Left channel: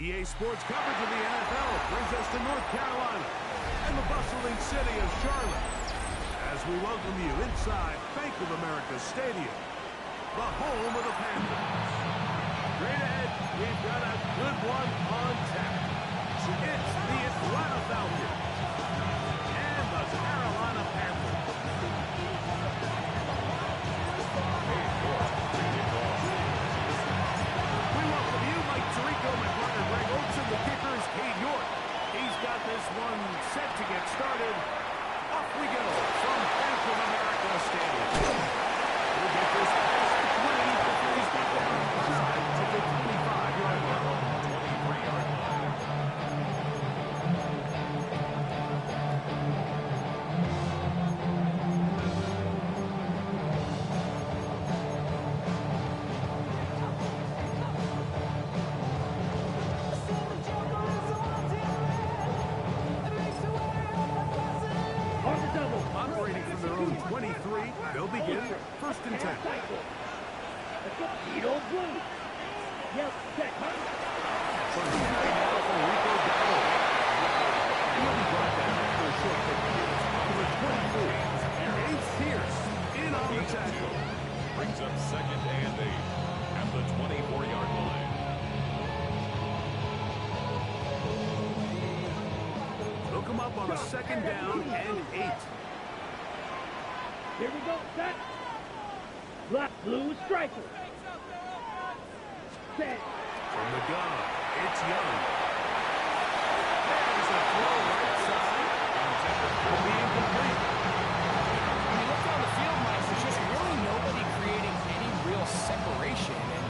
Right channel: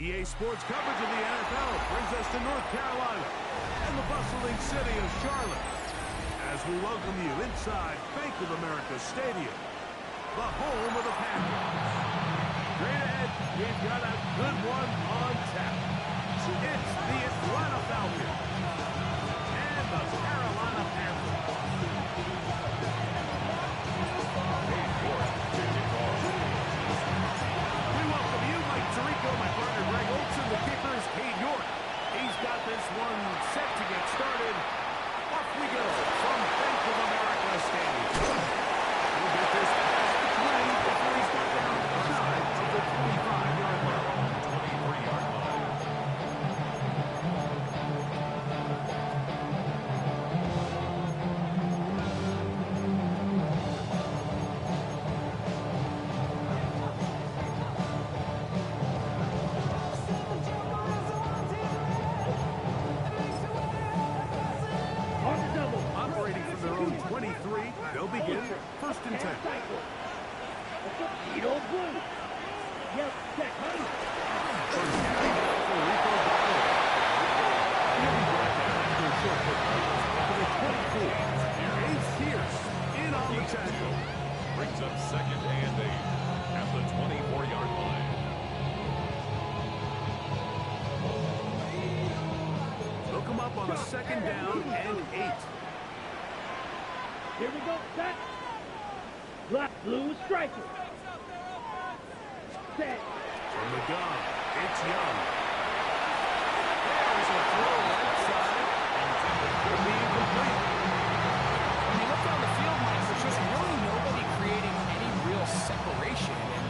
EA Sports coverage of the NFL brings us to North Carolina and the bustling city of Charlotte as we welcome you inside Bank of America Stadium, the home of the Panthers. Straight ahead, we've got a good one on tap. It's the Atlanta Falcons and the Carolina Panthers. We welcome you, Mike Tirico, my partner Greg Olson, the kicker is Cade York. He's got this one set to get started. Off we go from Bank of America Stadium. We'll get this past the 20 before he's got down side of the 25-yard line. 23-yard line. Operating from their own 23, they'll begin first and 10. First down now for Rico Dowdle. He'll be brought down after a short pickup to the 24. Ace Pierce in on the tackle. Brings up second and 8 at the 24-yard line. They'll come up on a second down and 8. Here we go, set. Black, blue, striker. Set. From the gun, it's Young. There's a throw right side. Intended for being complete. When you look down the field, Mike, there's just really nobody creating any real separation. And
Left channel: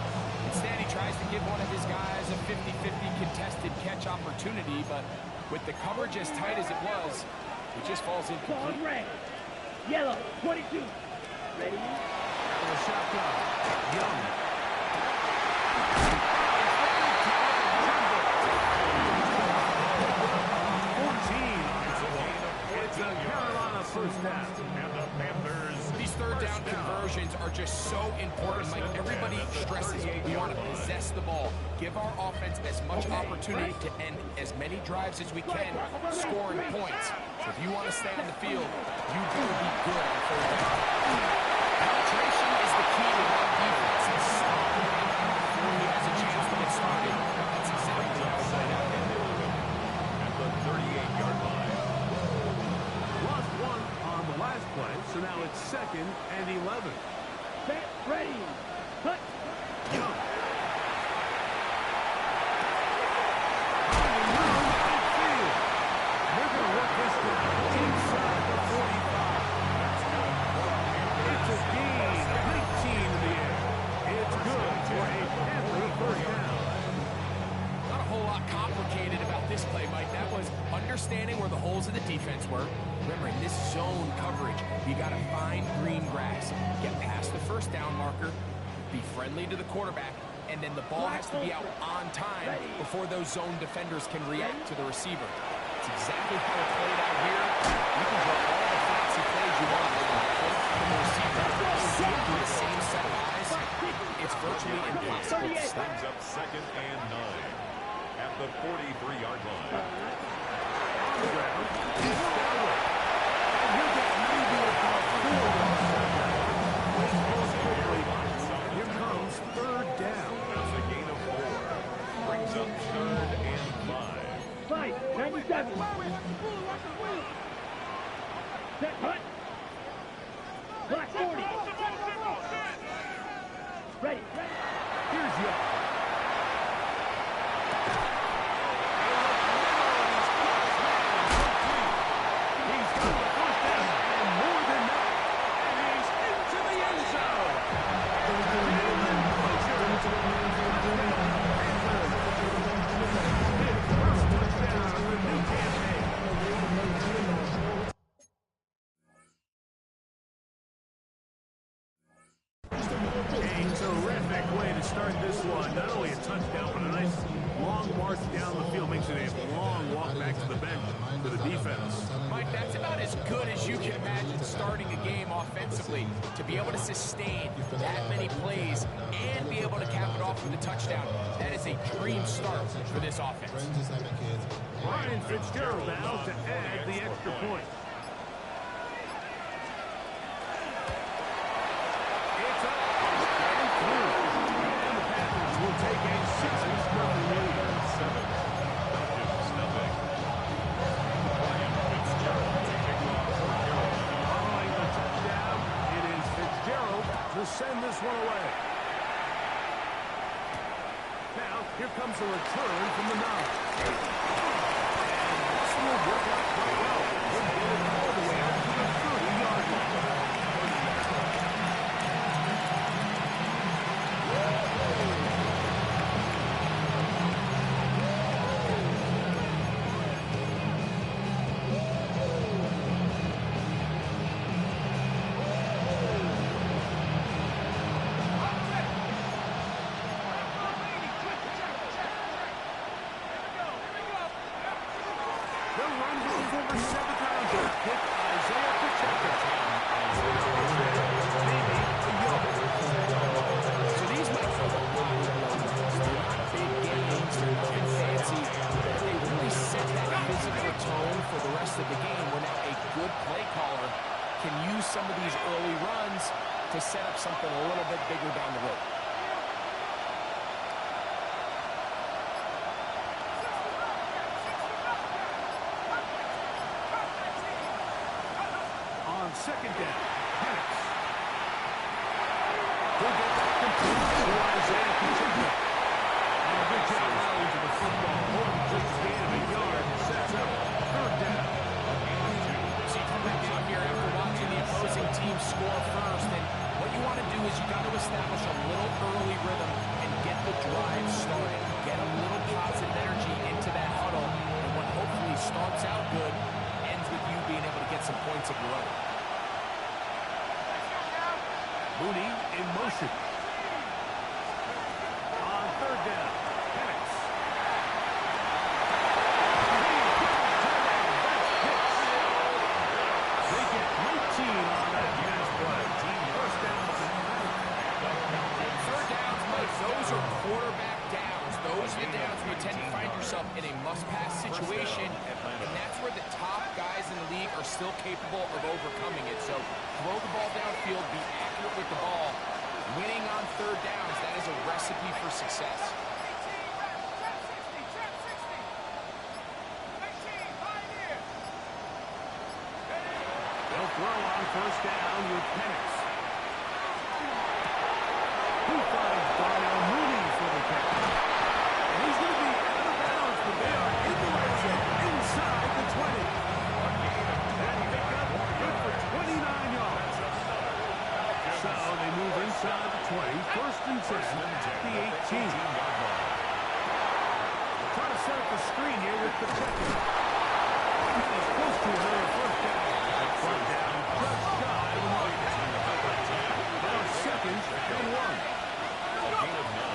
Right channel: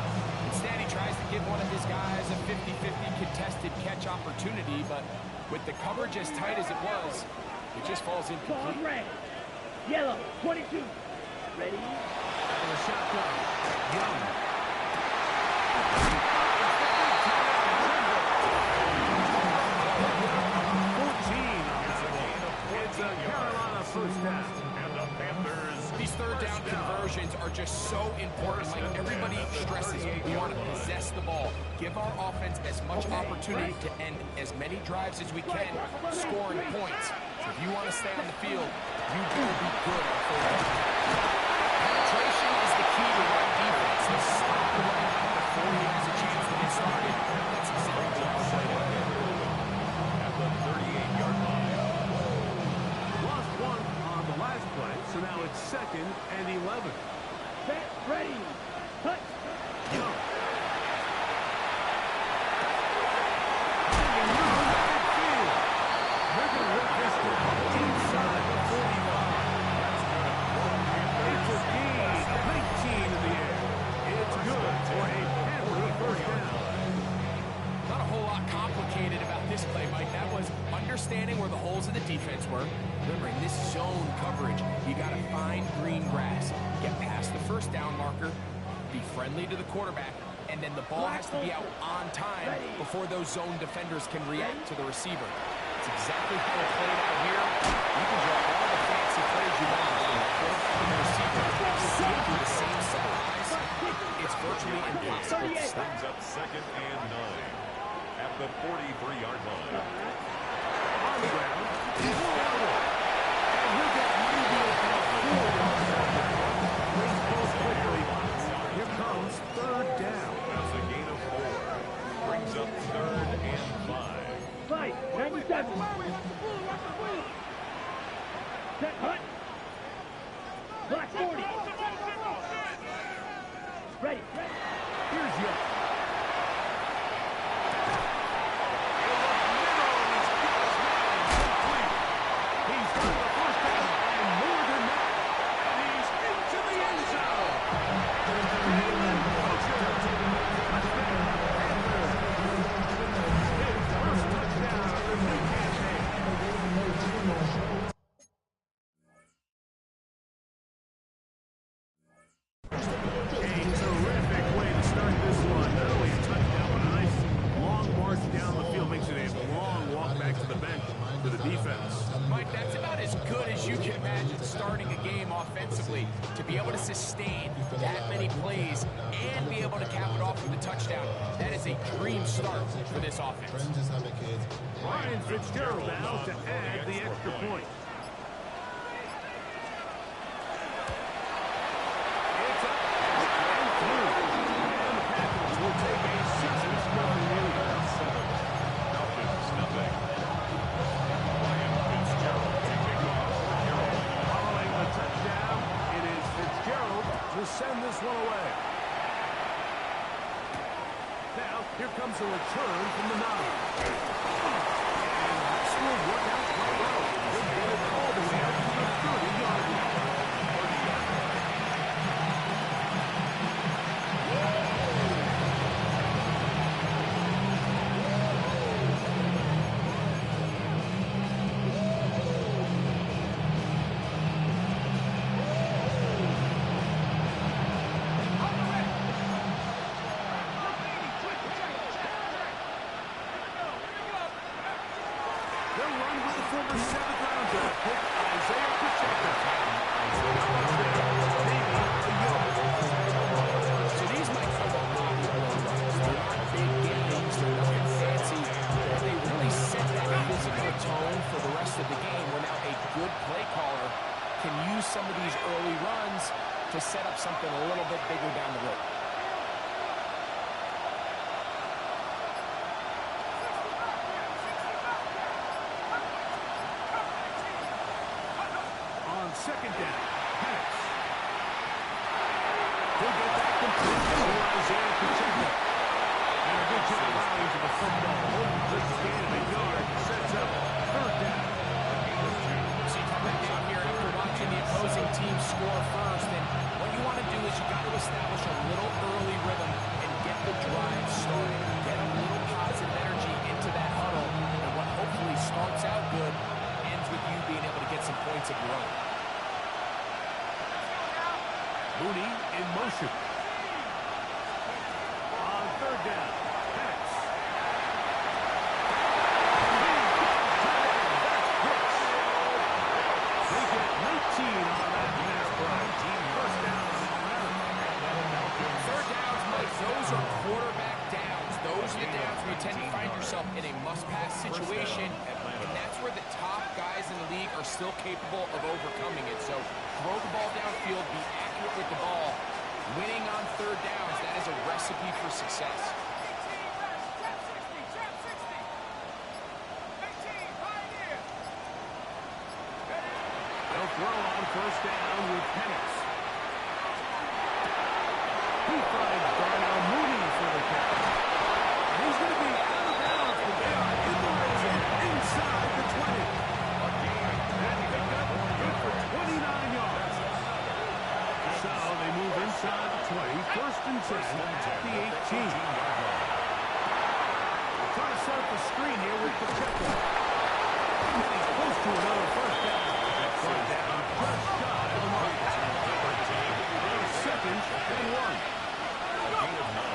instead, he tries to give one of his guys a 50-50 contested catch opportunity. But with the coverage as tight as it was, it just falls incomplete. Red. Yellow, 22. Ready? Out of the shotgun. Young. It's a Carolina first down. And the Panthers. These third down conversions are just so important, Mike. Everybody stresses we want to possess the ball, give our offense as much opportunity to end as many drives as we can, scoring points. So if you want to stay on the field, you better be good on third down. Penetration is the key to run defense. And stop the running back before he has a chance to get started. That's exactly how it's played out here. At the 38-yard line. Lost one on the last play, so now it's second and 11. Set, ready. Cut. Young. Finding room at midfield. They're going to work this down inside the 45. That's good. It's a gain of 19 in the air. It's good for a Panther first down. Not a whole lot complicated about this play, Mike. That was understanding where the holes of the defense were. Remember, in this zone coverage, you got to find green grass, get past the first down marker, be friendly to the quarterback, and then the ball has to be out on time before those zone defenders can react to the receiver. It's exactly how it played out here. You can draw all the fancy plays you want from the quarterback and the receiver. See it through the same set of eyes. It's virtually impossible to stop. Brings up second and 9 at the 43-yard line. On the ground, it's Dowdle. And he'll get maybe about 4 yards out of that one. Wait close quickly. Here comes third down. That's a gain of 4. Brings up third and 5. 97. Set, hut. Black 40. Ready. Here's Young. A terrific way to start this one. Not only a touchdown, but a nice long march down the field, makes it a long walk back to the bench for the defense. Mike, that's about as good as you can imagine starting a game offensively. To be able to sustain that many plays and be able to cap it off with a touchdown, that is a dream start for this offense. Ryan Fitzgerald now to add the extra point. It's up and through. And the Panthers will take a 7-0 lead. 7. Falcons, nothing. Ryan Fitzgerald to kick off for Carolina. Following the touchdown, it is Fitzgerald to send this one away. Now, here comes a return from the 9. And this will work out quite well. He'll get it all the way out to the 30-yard line. 30-yard line. They'll run with the former 7th-round draft pick, Isaiah Pacheco. Maybe a yard. So these might feel a lot of runs. They're not big games, they're nothing fancy, but they really set that physical tone for the rest of the game where now a good play caller can use some of these early runs to set up something a little bit bigger down the road. On second down, Penix. He'll get that complete to Isaiah Pacheco. And a good job rallying to the football. Holden takes a gain of a yard and sets up 3rd down. A gain of 2. So you come back out here after watching the opposing team score first, and what you want to do is you got to establish a little early rhythm and get the drive started. Get a little positive energy into that huddle, and what hopefully starts out good ends with you being able to get some points of your own. Mooney in motion. On 3rd down, Penix. They get 19 on that pass play. 1st down on Atlanta. 3rd downs, Mike, those are quarterback downs. Those are the downs where you tend to find yourself in a must-pass situation, and that's where the top guys in the league are still capable of overcoming it. So throw the ball downfield, be accurate with the ball. Winning on 3rd downs, that is a recipe for success. They'll throw on 1st down with Penix. He finds Darnell Mooney for the catch. And he's going to be out of bounds, but they are in the red zone, inside the 20. That pickup good for 29 yards. So they move inside the 20, 1st and 10 at the 18. Trying to set up the screen here with Pacheco. And he's close to another 1st down. Front down, just shy of the mark. Now 2nd and 1. A gain of 9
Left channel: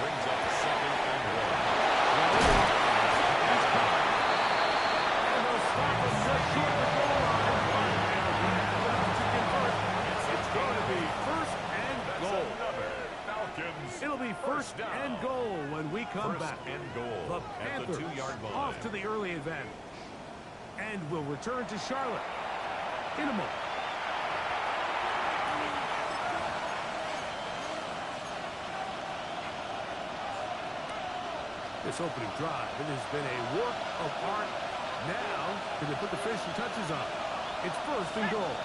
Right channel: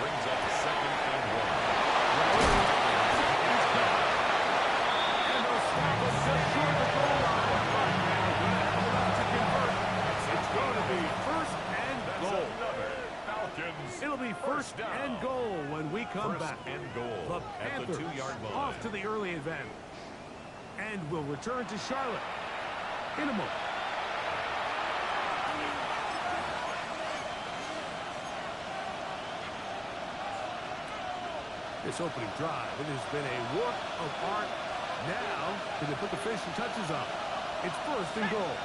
brings up 2nd and 1. It is caught. And they'll stop him just short of the goal line. But they're going to have enough to convert. It's going to be 1st and goal. Falcons. It'll be 1st and goal when we come back. And goal The at the Panthers 2-yard line. off to the early advantage. And will return to Charlotte in a moment. This opening drive, it has been a work of art. Now, can they put the finishing touches on? It's 1st and goal.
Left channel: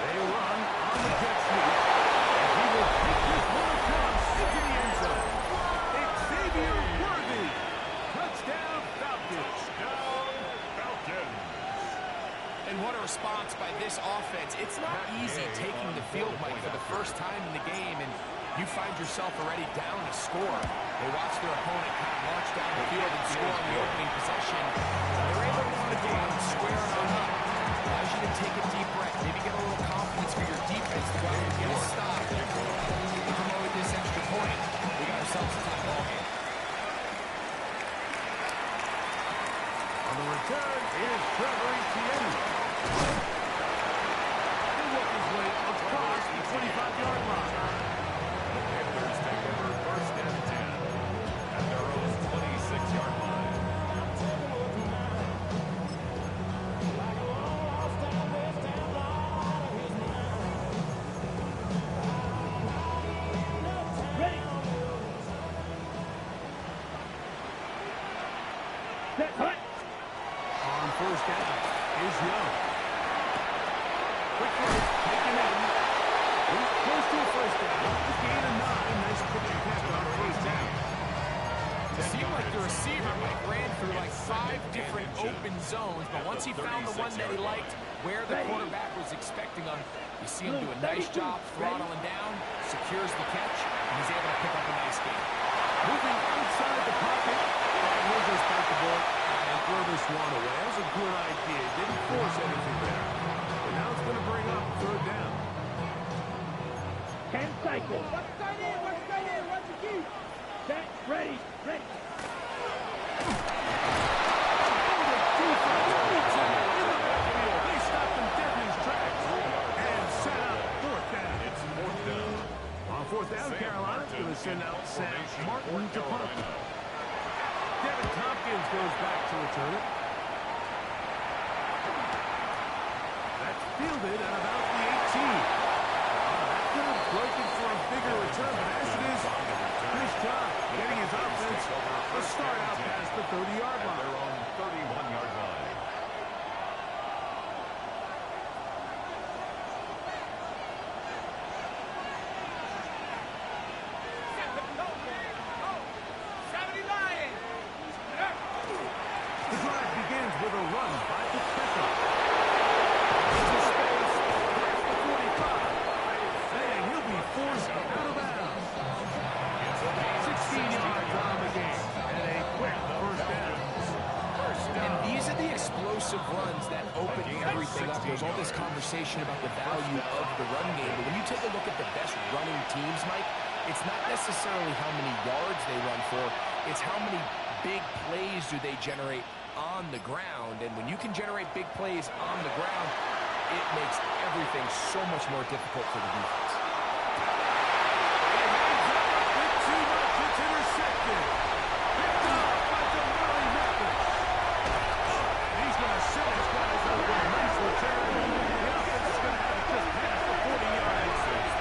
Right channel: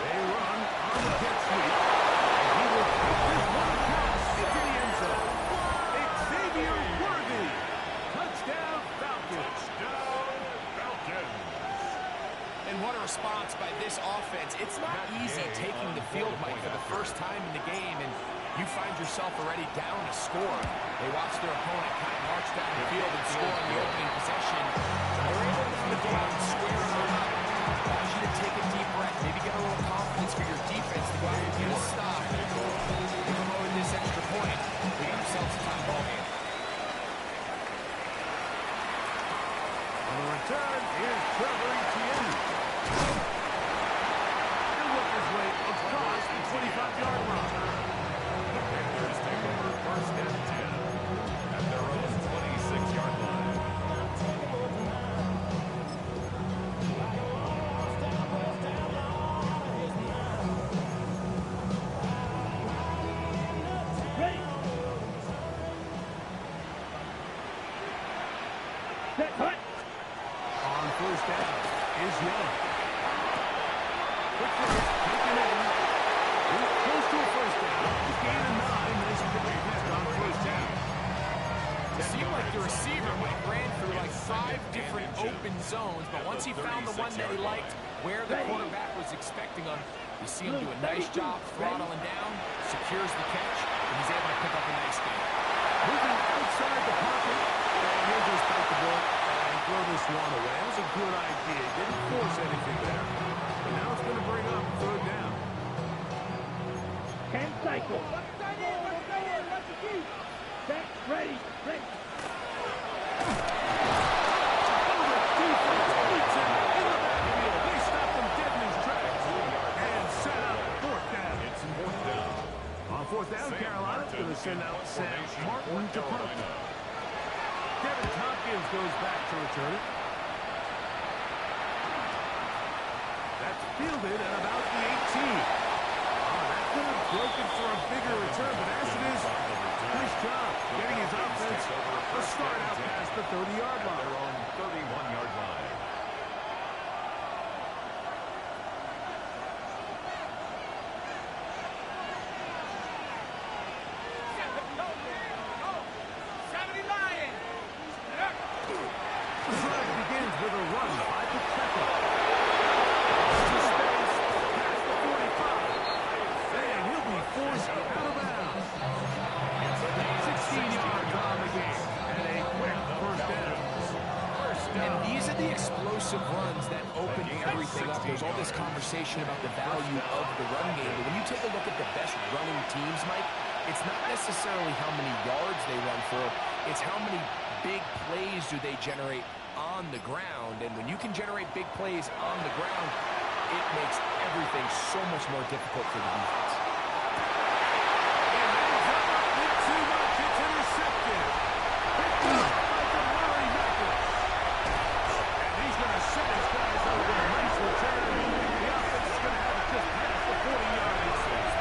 They run on the jet sweep, and he will take this one across into the end zone. Xavier Worthy. Touchdown, Falcons. Touchdown, Falcons. And what a response by this offense. It's not easy taking the field, Mike, for the first time in the game, and you find yourself already down to score. They watch their opponent kind of march down the field and score on the opening possession. They're able to go out and square it on up. Allows you to take a deep breath, maybe get a little confidence for your defense to go out and get a stop. They come over with this extra point. We got to themselves a tie ball game. On the return, here's Trevor Etienne. He'll work his way across the 25-yard line. The Panthers take over first and 10 at their own 26-yard line. Ready. Set, hut. On first down is Young. Quick first, taken in. He's close to a first down. Gain of 9. Nice pitch and catch on first down. It seemed like the receiver, Mike, ran through like 5 different open zones, but once he found the one that he liked, where the quarterback was expecting him, you see him do a nice job throttling down, secures the catch, and he's able to pick up a nice gain. Moving outside the pocket, and he'll just bite the bullet and throw this one away. That was a good idea. He didn't force anything there. But now it's going to bring up third down. 10 cycle. Set, ready, ready. Oh, the defense beats him in the backfield. They stopped him dead in his tracks. And set up fourth down. It's fourth down. On fourth down, Carolina's going to send out Sam Martin to punt. Devin Tompkins goes back to return it. That's fielded at about the 18. That could have broken for a bigger return, but as it is, nice job getting his offense a start out past the 30-yard line. Their own 31-yard line. The drive begins with a run by Pacheco. To space, past the 45. And he'll be forced out of bounds. 16 yards on the game. And a quick first down. And these are the explosive runs that open everything up. There's all this conversation about the value of the run game, but when you take a look at the best running teams, Mike, it's not necessarily how many yards they run for, it's how many big plays do they generate on the ground. And when you can generate big plays on the ground, it makes everything so much more difficult for the defense. And ends up a bit too much. It's intercepted. Picked up by Damari Mathis. And he's going to set his guys up with a nice return. The offense is going to have it just past the 40-yard line.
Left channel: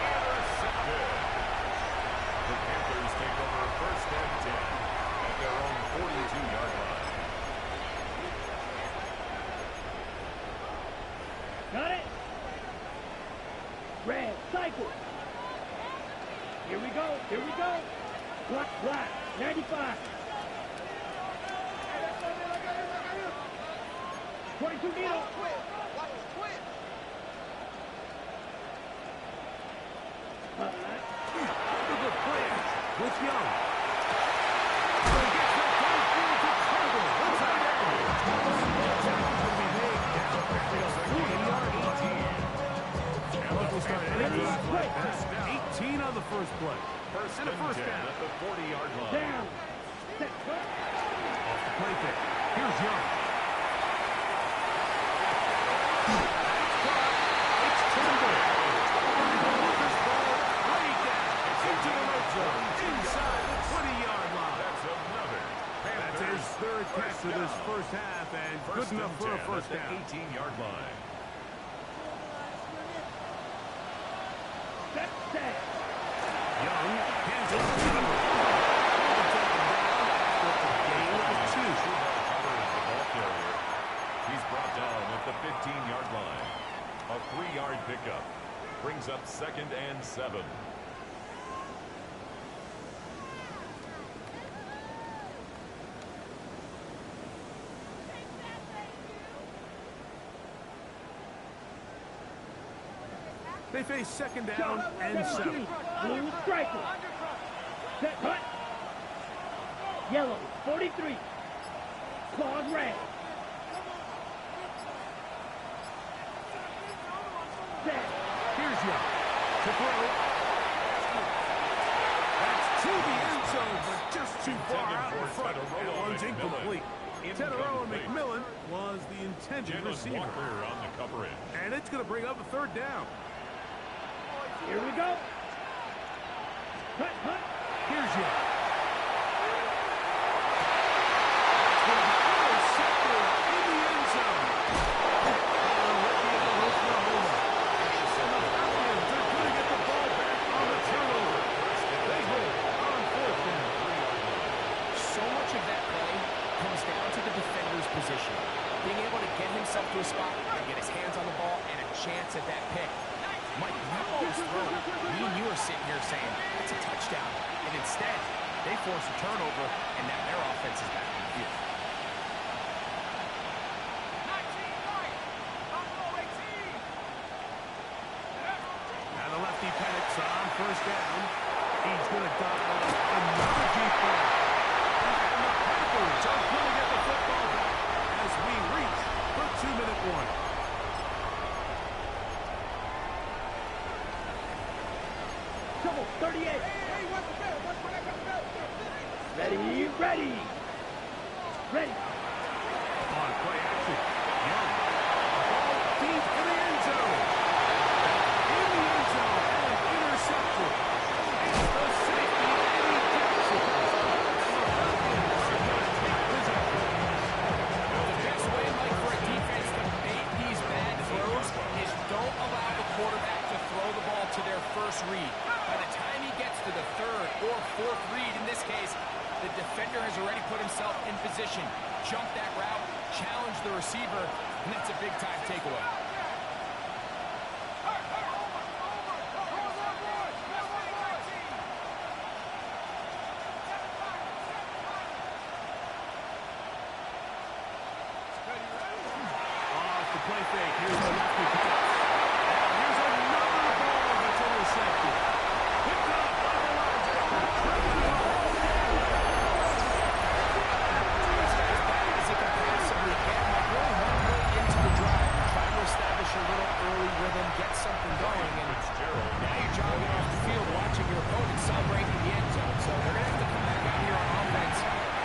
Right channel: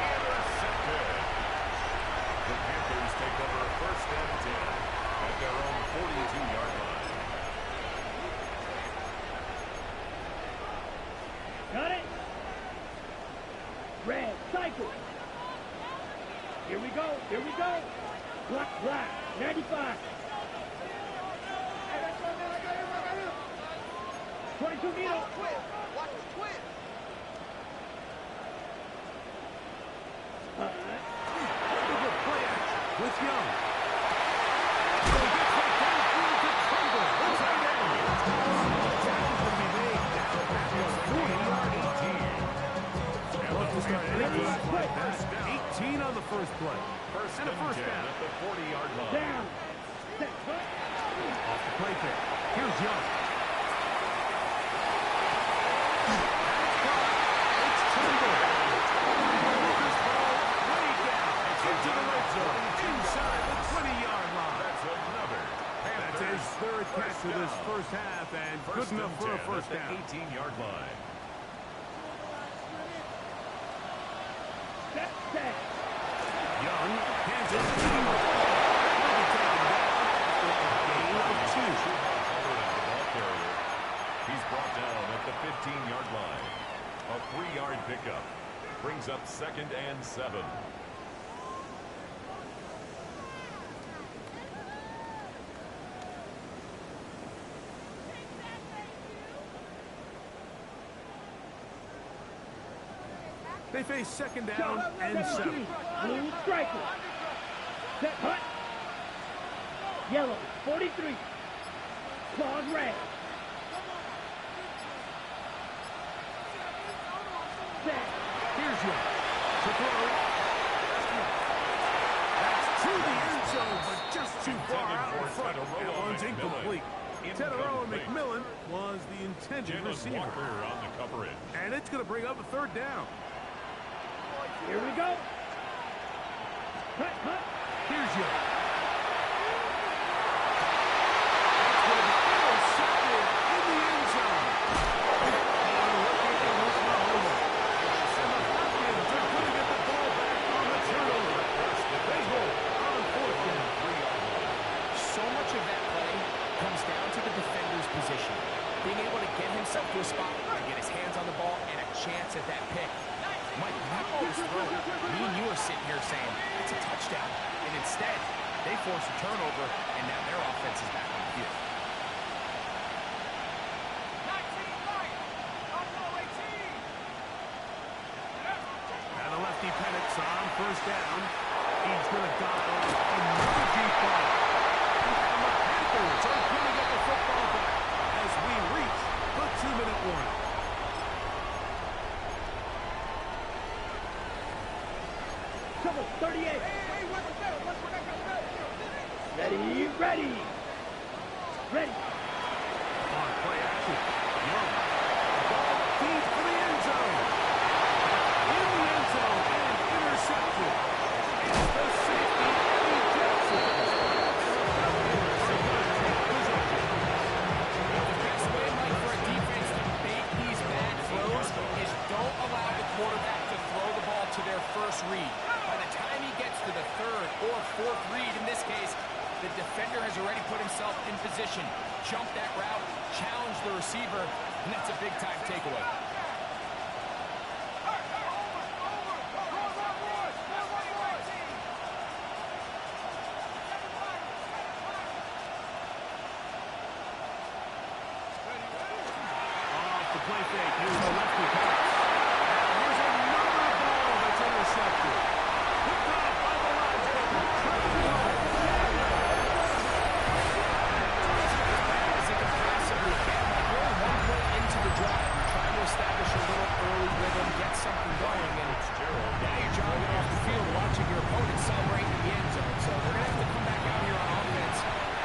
Intercepted. The Panthers take over first and 10 at their own 42-yard line. Got it. Red, cycle. Here we go, here we go. Black, black, 95. 22 needle. Watch the twin. Look at play action with Young. So he gets back downfield to Tremble. That's tight end. The tackle's going to be made down at the 40-yard line. Love to start anything like that. 18 on the first play. First And a first 10 down. at the 40-yard line. Down. Set, cut. Off the play pick. Here's Young. That's caught. It's Tremble. This ball way down. It's into the red zone. Inside the 20-yard line. That's another. That's his third catch of this first half, and good enough for a first at down. the 18-yard line. Set, set. Young hands it to Trevor. He'll be taken down after a gain of 2. Hubbard is the ball carrier. He's brought down at the 15-yard line. A 3-yard pickup brings up second and 7. They face second down and 7. Blue striker. Set, cut. Yellow, 43. Claws red. Set. Here's Young to throw. the end zone, but just too far out in front. That one's incomplete. Tedoroa McMillan was the intended receiver. Walker on the coverage. And it's going to bring up a third down. Here we go. Cut, cut. Here's Young. It's going to be intercepted in the end zone. And the Falcons are going to get the ball back on the turnover. They hold on fourth down. So much of that play comes down to the defender's position. Being able to get himself to a spot and get his hands on the ball and a chance at that pick. Mike, that ball was thrown. Me and you are sitting here saying, that's a touchdown. And instead, they force a turnover, and now their offense is back on the field. 19 right. Buffalo 18. Now the lefty Penix on first down. He's going to dial up another deep ball. And the Panthers are going to get the football back as we reach the 2-minute warning. Trouble, 38. Hey, what's the bell? What's what I got bell? Ready, ready. Ready. On play action. Young. Ball deep for the end zone. In the end zone and intercepted. It's the safety, Eddie Jackson. And the Falcons are going to take possession. The best way, Mike, for a defense to bait these bad throws is don't allow the quarterback to throw the ball to their first read. By the time he gets to the third or fourth read, in this case, the defender has already put himself in position, jump that route, challenge the receiver, and that's a big-time takeaway. Off the play fake. Here's a lefty pass. And here's another ball that's intercepted. Picked off by the linebacker, Trevor Young. As bad as it can possibly get, like we're only one play into the drive. You're trying to establish a little early rhythm, get something going, and now you're jogging off the field watching your opponent celebrate in the end zone. So they're going to have to come back out here on offense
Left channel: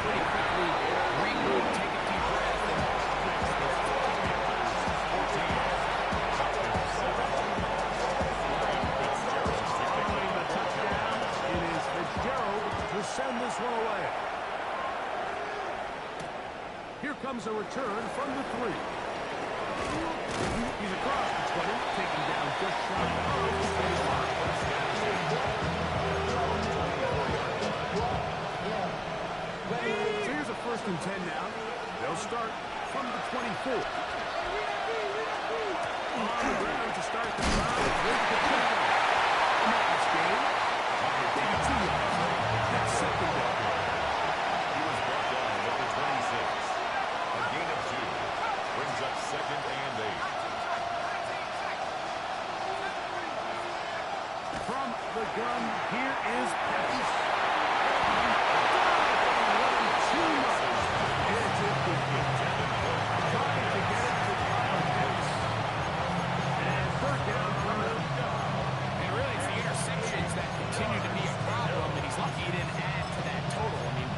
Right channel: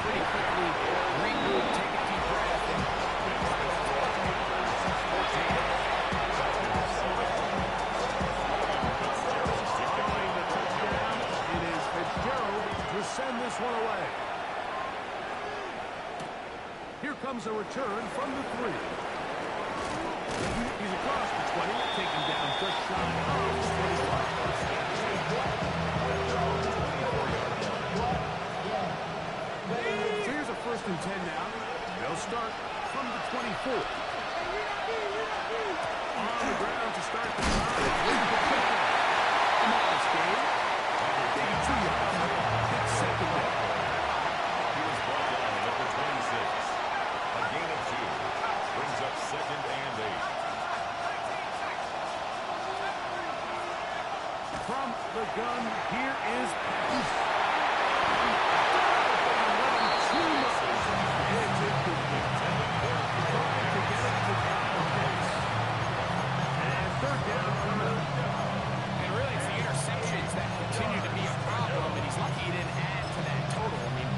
pretty quickly, regroup, take a deep breath, and Following the touchdown, it is Fitzgerald to send this one away. Here comes a return from the 3. He's across the 20, taken down just shy of the 25. So here's a 1st and 10 now. They'll start from the 24. On the ground to start the drive with the touchdown. A nice game. Maybe 2 yards. That's second down. He was brought down at the 26. A gain of 2. Brings up 2nd and 8. From the gun, here is Penix. Too much. It's incomplete. Trying to get it to Kyle Pitts. And third down coming up. And really, it's the interceptions that continue to be a problem, and he's lucky he didn't add to that total. I mean,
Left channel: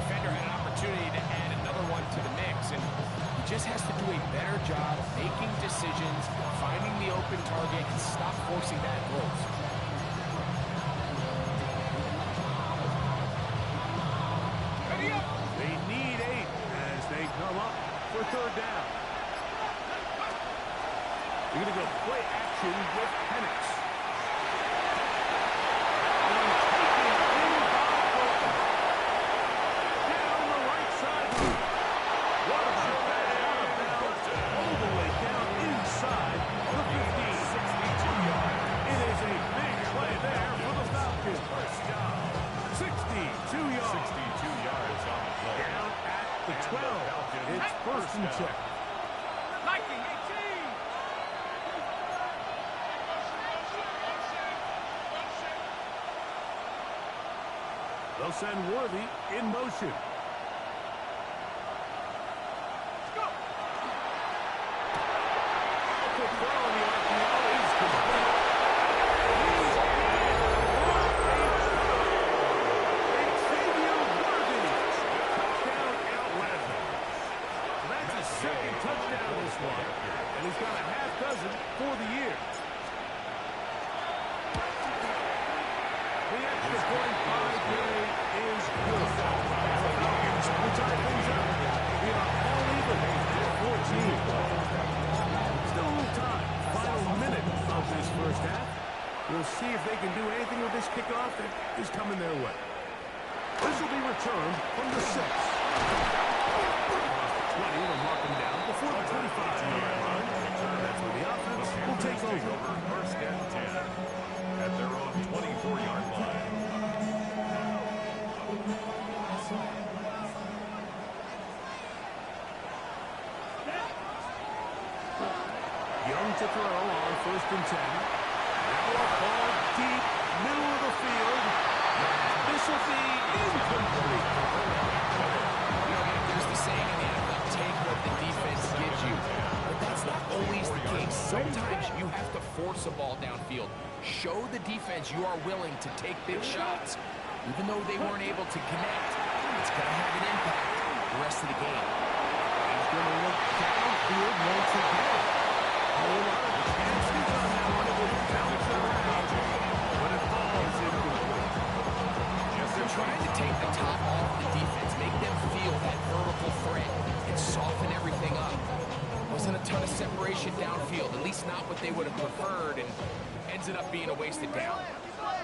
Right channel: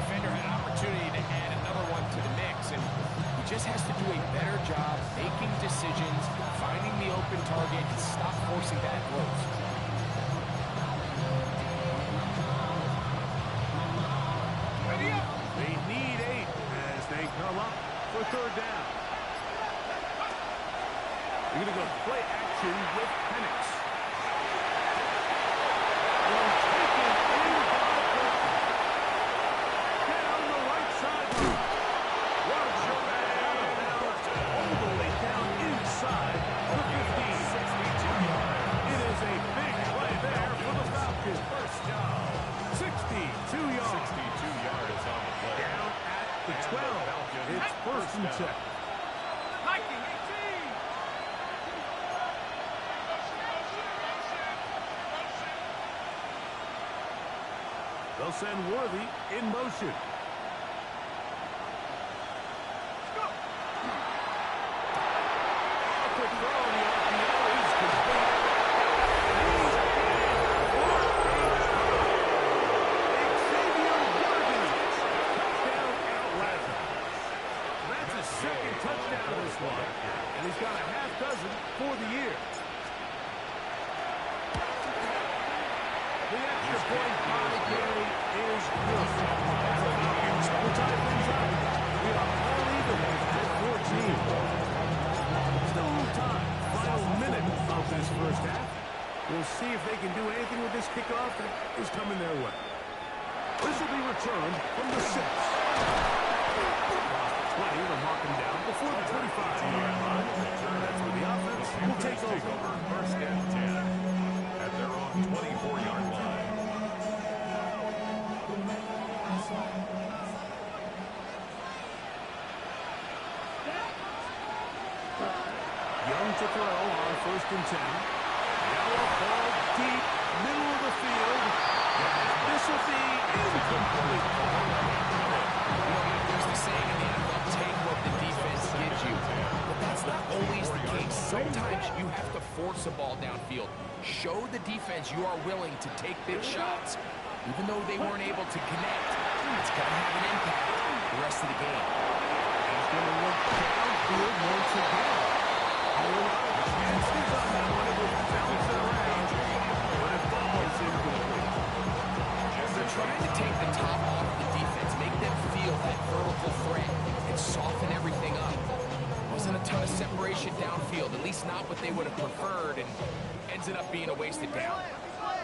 defender had an opportunity to add another one to the mix, and he just has to do a better job making decisions, finding the open target, and stop forcing bad throws. They need 8 as they come up for third down. They're going to go play action with Penix. One taken in by Burton. Down the right sideline. What about that? Out of bounds, all the way down inside the 15. 62 yards. It is a big play there for the Falcons. First down. 62 yards. 62 yards on the play. Down at the And 12. the Falcons It's first and down. 10. Lightning 18. They'll send Worthy in motion. A quick throw in the RPO is complete. He's in for a touchdown. one, and he's got a half dozen for the year. The extra point by Gay is good. And the Falcons will tie things up. We are all even at 14. Still a little time. Final minute of this first half. We'll see if they can do anything with this kickoff that is coming their way. This will be returned from the 6. Across the 20, they'll mark him down before the 25-yard line. That's where the offense will take over. First and 10 at their own 24-yard line. Young to throw on first and 10. Now a ball deep, middle of the field. This will be incomplete. You know, there's the saying in the NFL, take what the defense gives you. But that's not always the case. Sometimes you have to force a ball downfield. Show the defense you are willing to take big shots. Even though they weren't able to connect, it's going to have an impact the rest of the game. He's going to look downfield once again. A whole lot of chances on that one. It was bouncing around, but it falls incomplete. They're trying to take the top off the defense, make them feel that vertical threat, and soften everything up. Wasn't a ton of separation downfield, at least not what they would have preferred, and ended up being a wasted down.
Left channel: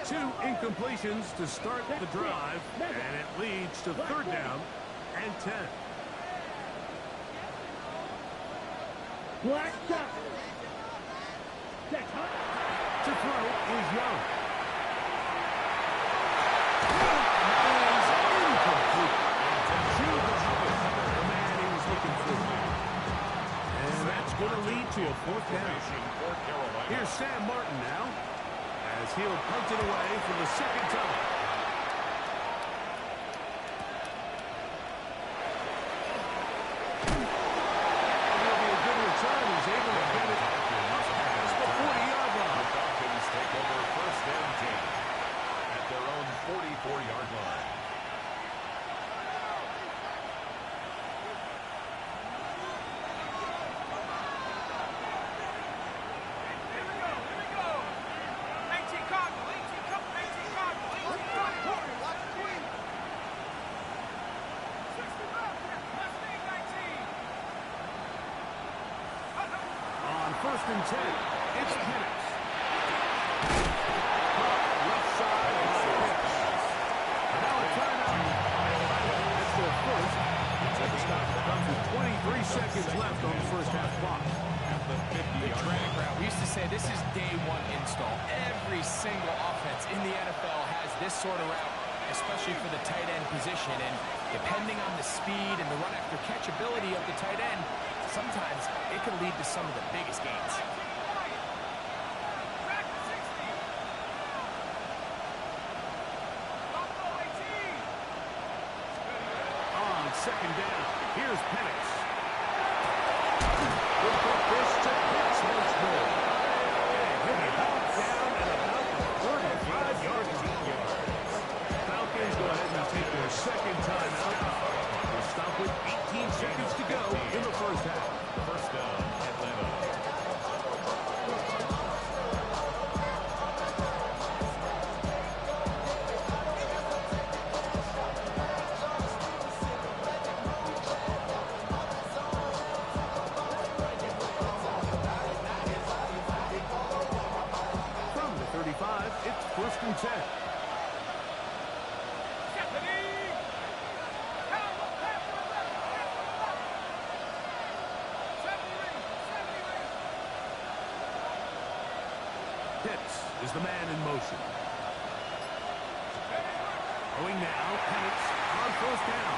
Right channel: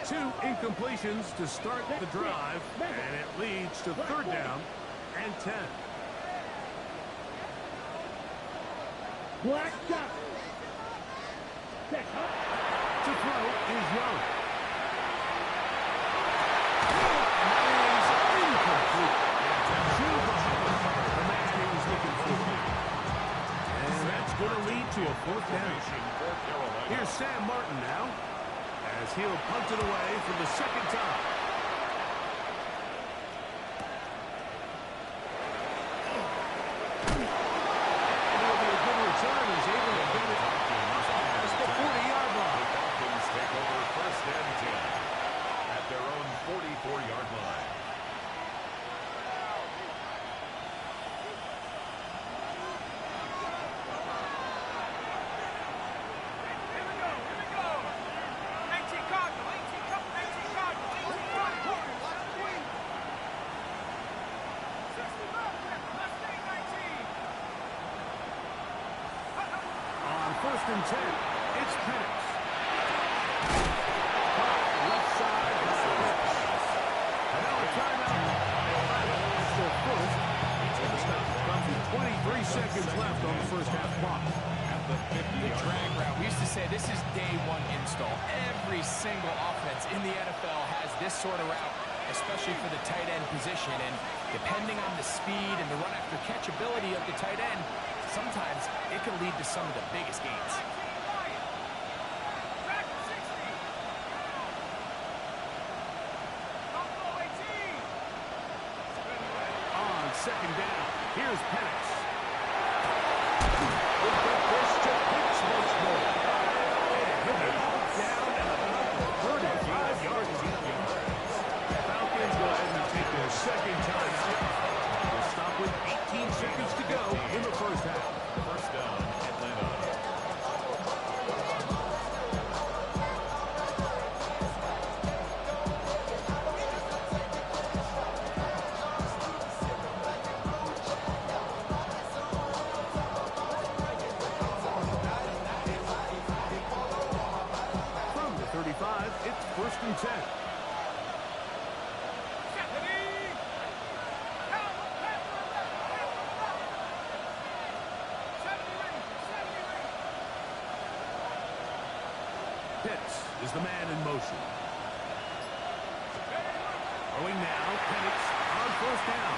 2 incompletions to start the drive, and it leads to third down and 10. Black shot. Set hot. To throw is Young. Is incomplete. To the Hubbard, the man he was looking for. And that's going to lead to a fourth down. Here's Sam Martin now, as he'll punt it away for the second time. And it'll be a good return. He's able to get it past the 40-yard line. The Falcons take over first and 10 at their own 44-yard line. First and 10. It's Penix. Left side by Penix. And now a timeout by Ohio. That's their first. And the stop comes with 23 seconds left on the first half clock. At the 50-yard Drag route. We used to say this is day one install. Every single offense in the NFL has this sort of route, especially for the tight end position. And depending on the speed and the run after catch ability of the tight end, sometimes it can lead to some of the biggest gains. On second down, here's Penix. We'll get this to Pitts once more. And he'll be hauled down at about the 35-yard line. Falcons go ahead and take their second timeout. We'll stop with 18 seconds to go in the first half. First down, Atlanta. From the 35, it's first and 10. Pitts is the man in motion. Throwing now, Penix on first down.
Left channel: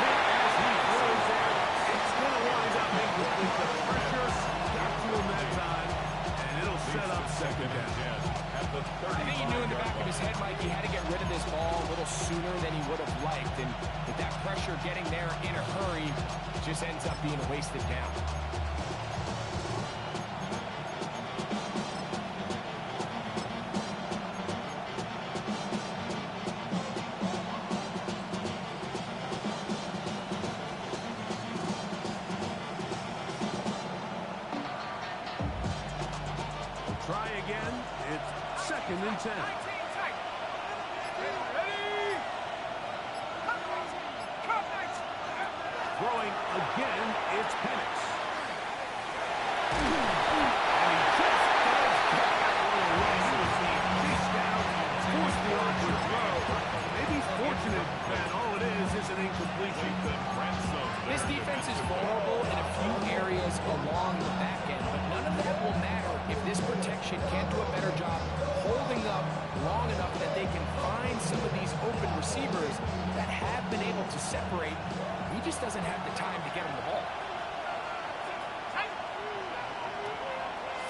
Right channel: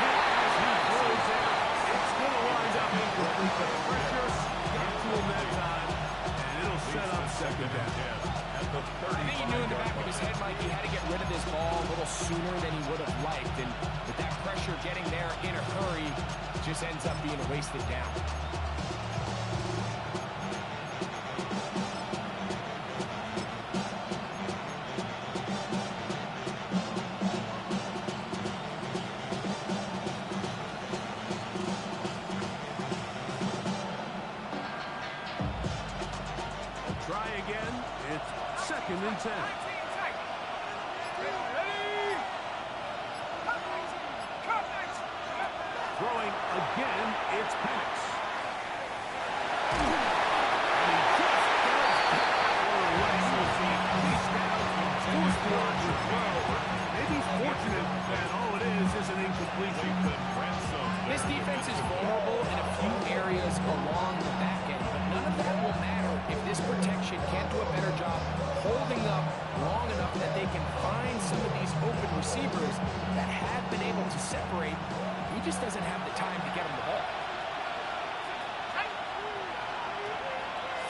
Hit as he throws there. It's going to wind up incomplete. The pressure got to him that time, and it'll set up second down. At the 30. I think he knew in the back of his head, Mike, he had to get rid of this ball a little sooner than he would have liked. And with that pressure getting there in a hurry, it just ends up being a wasted down. 2nd and 10. 19 tight. Ready? Cut 19. Throwing again, it's Penix. And he just does get that one away. Chased down, forced the awkward throw. Maybe he's fortunate that all it is an incompletion. This defense is vulnerable in a few areas along the back end, but none of that will matter if this protection can't do a better job holding up long enough that they can find some of these open receivers that have been able to separate. He just doesn't have the time to get him the ball.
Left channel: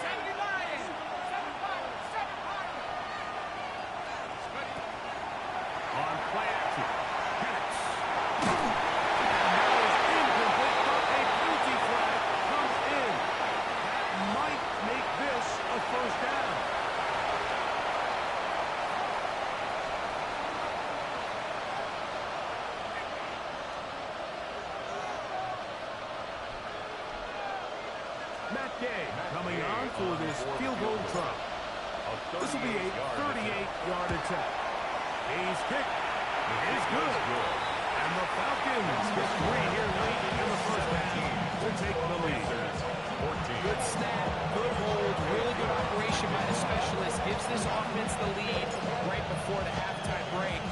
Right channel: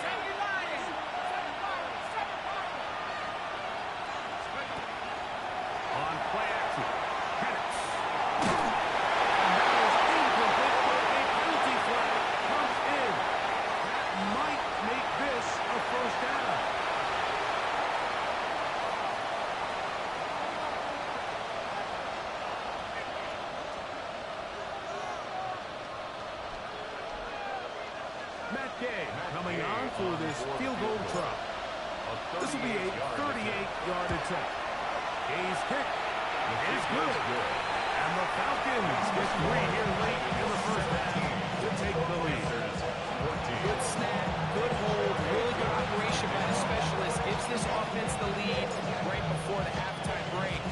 70 Lions. 7 Pirates. 7 Pirates. On play action, Penix. And that is incomplete, but a penalty flag comes in. That might make this a first down. Matt Gay coming on for this field goal try. This will be a 38-yard attempt. Gay's kick is good. And the Falcons get 3 here late in the first half to take the lead. Good snap, good hold, really good operation by the specialist. Gives this offense the lead right before the halftime break.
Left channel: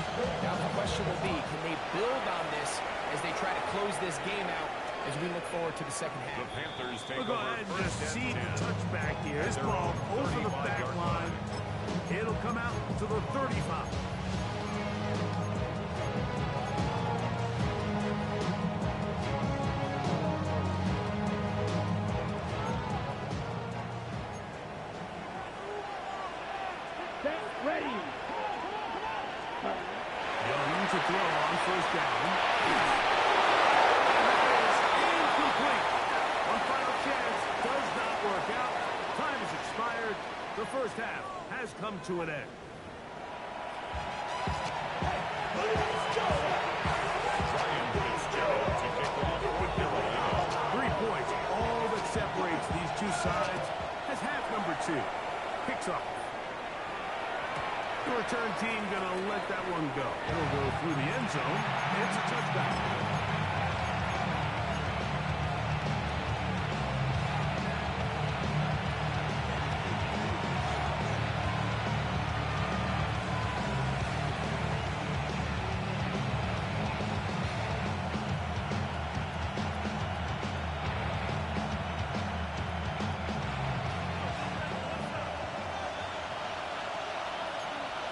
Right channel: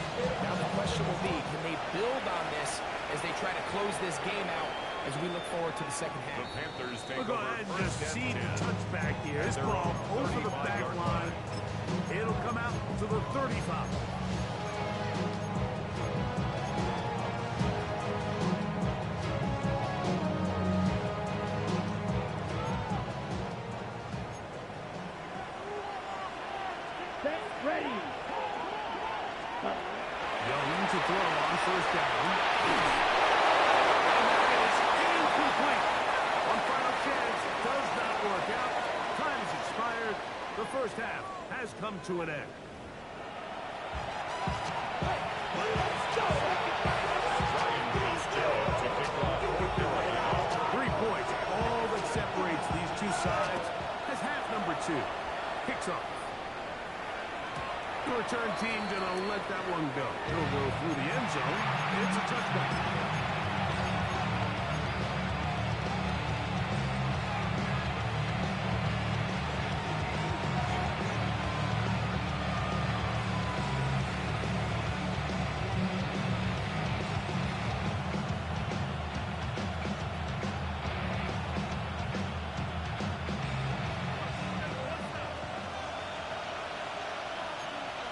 Now the question will be, can they build on this as they try to close this game out as we look forward to the second half? The Panthers take We'll go ahead and just seed the touchback here. This ball over the back line. It'll come out to the 35. Set, ready. Young to throw on first down. And that is incomplete. One final chance does not work out. Time has expired. The first half has come to an end. Ryan Fitzgerald to kick off for Carolina. 3 points. All that separates these two sides has half number 2. Kicks off. The return team going to let that one go. It'll go through the end zone. It's a touchback.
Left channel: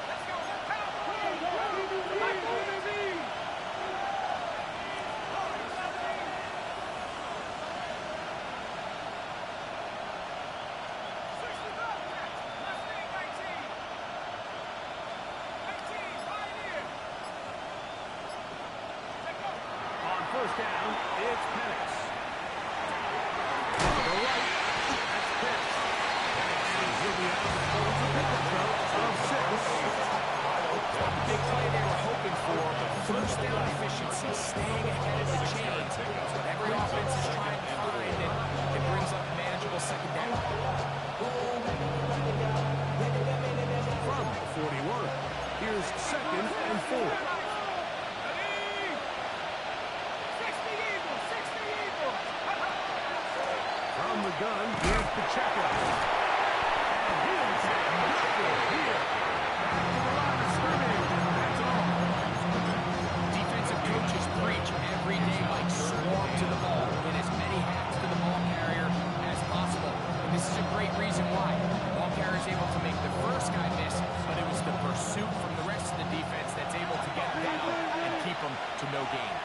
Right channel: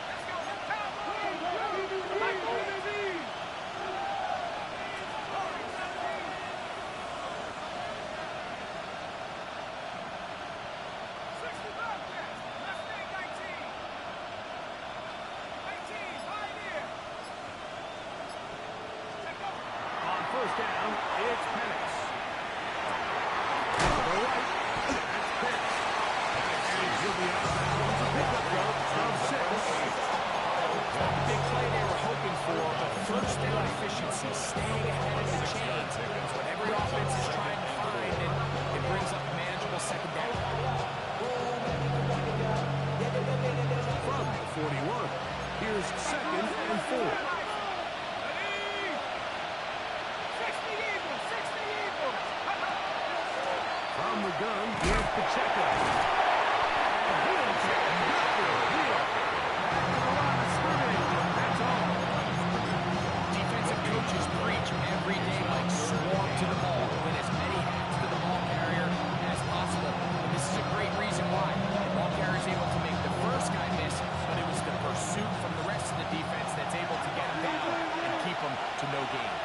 Let's go. Cowboys. first down, it's Penix. To the right, that's Pitts. And he'll be out of bounds. A pickup though of 6. Big play they were hoping for, but first down efficiency, staying ahead of the chain. That's what every offense is trying to find, and it brings up a manageable second down. From the 41, here's 2nd and 4. From the gun, here's Pacheco. And he'll take another heel. Back to the line of scrimmage, and that's all. Defensive coaches preach every day, like swarm to the ball, get as many hats to the ball carrier as possible. And this is a great reason why. The ball carrier is able to make the first guy miss, but it was the pursuit from the rest of the defense that's able to get him down and keep him to no gain.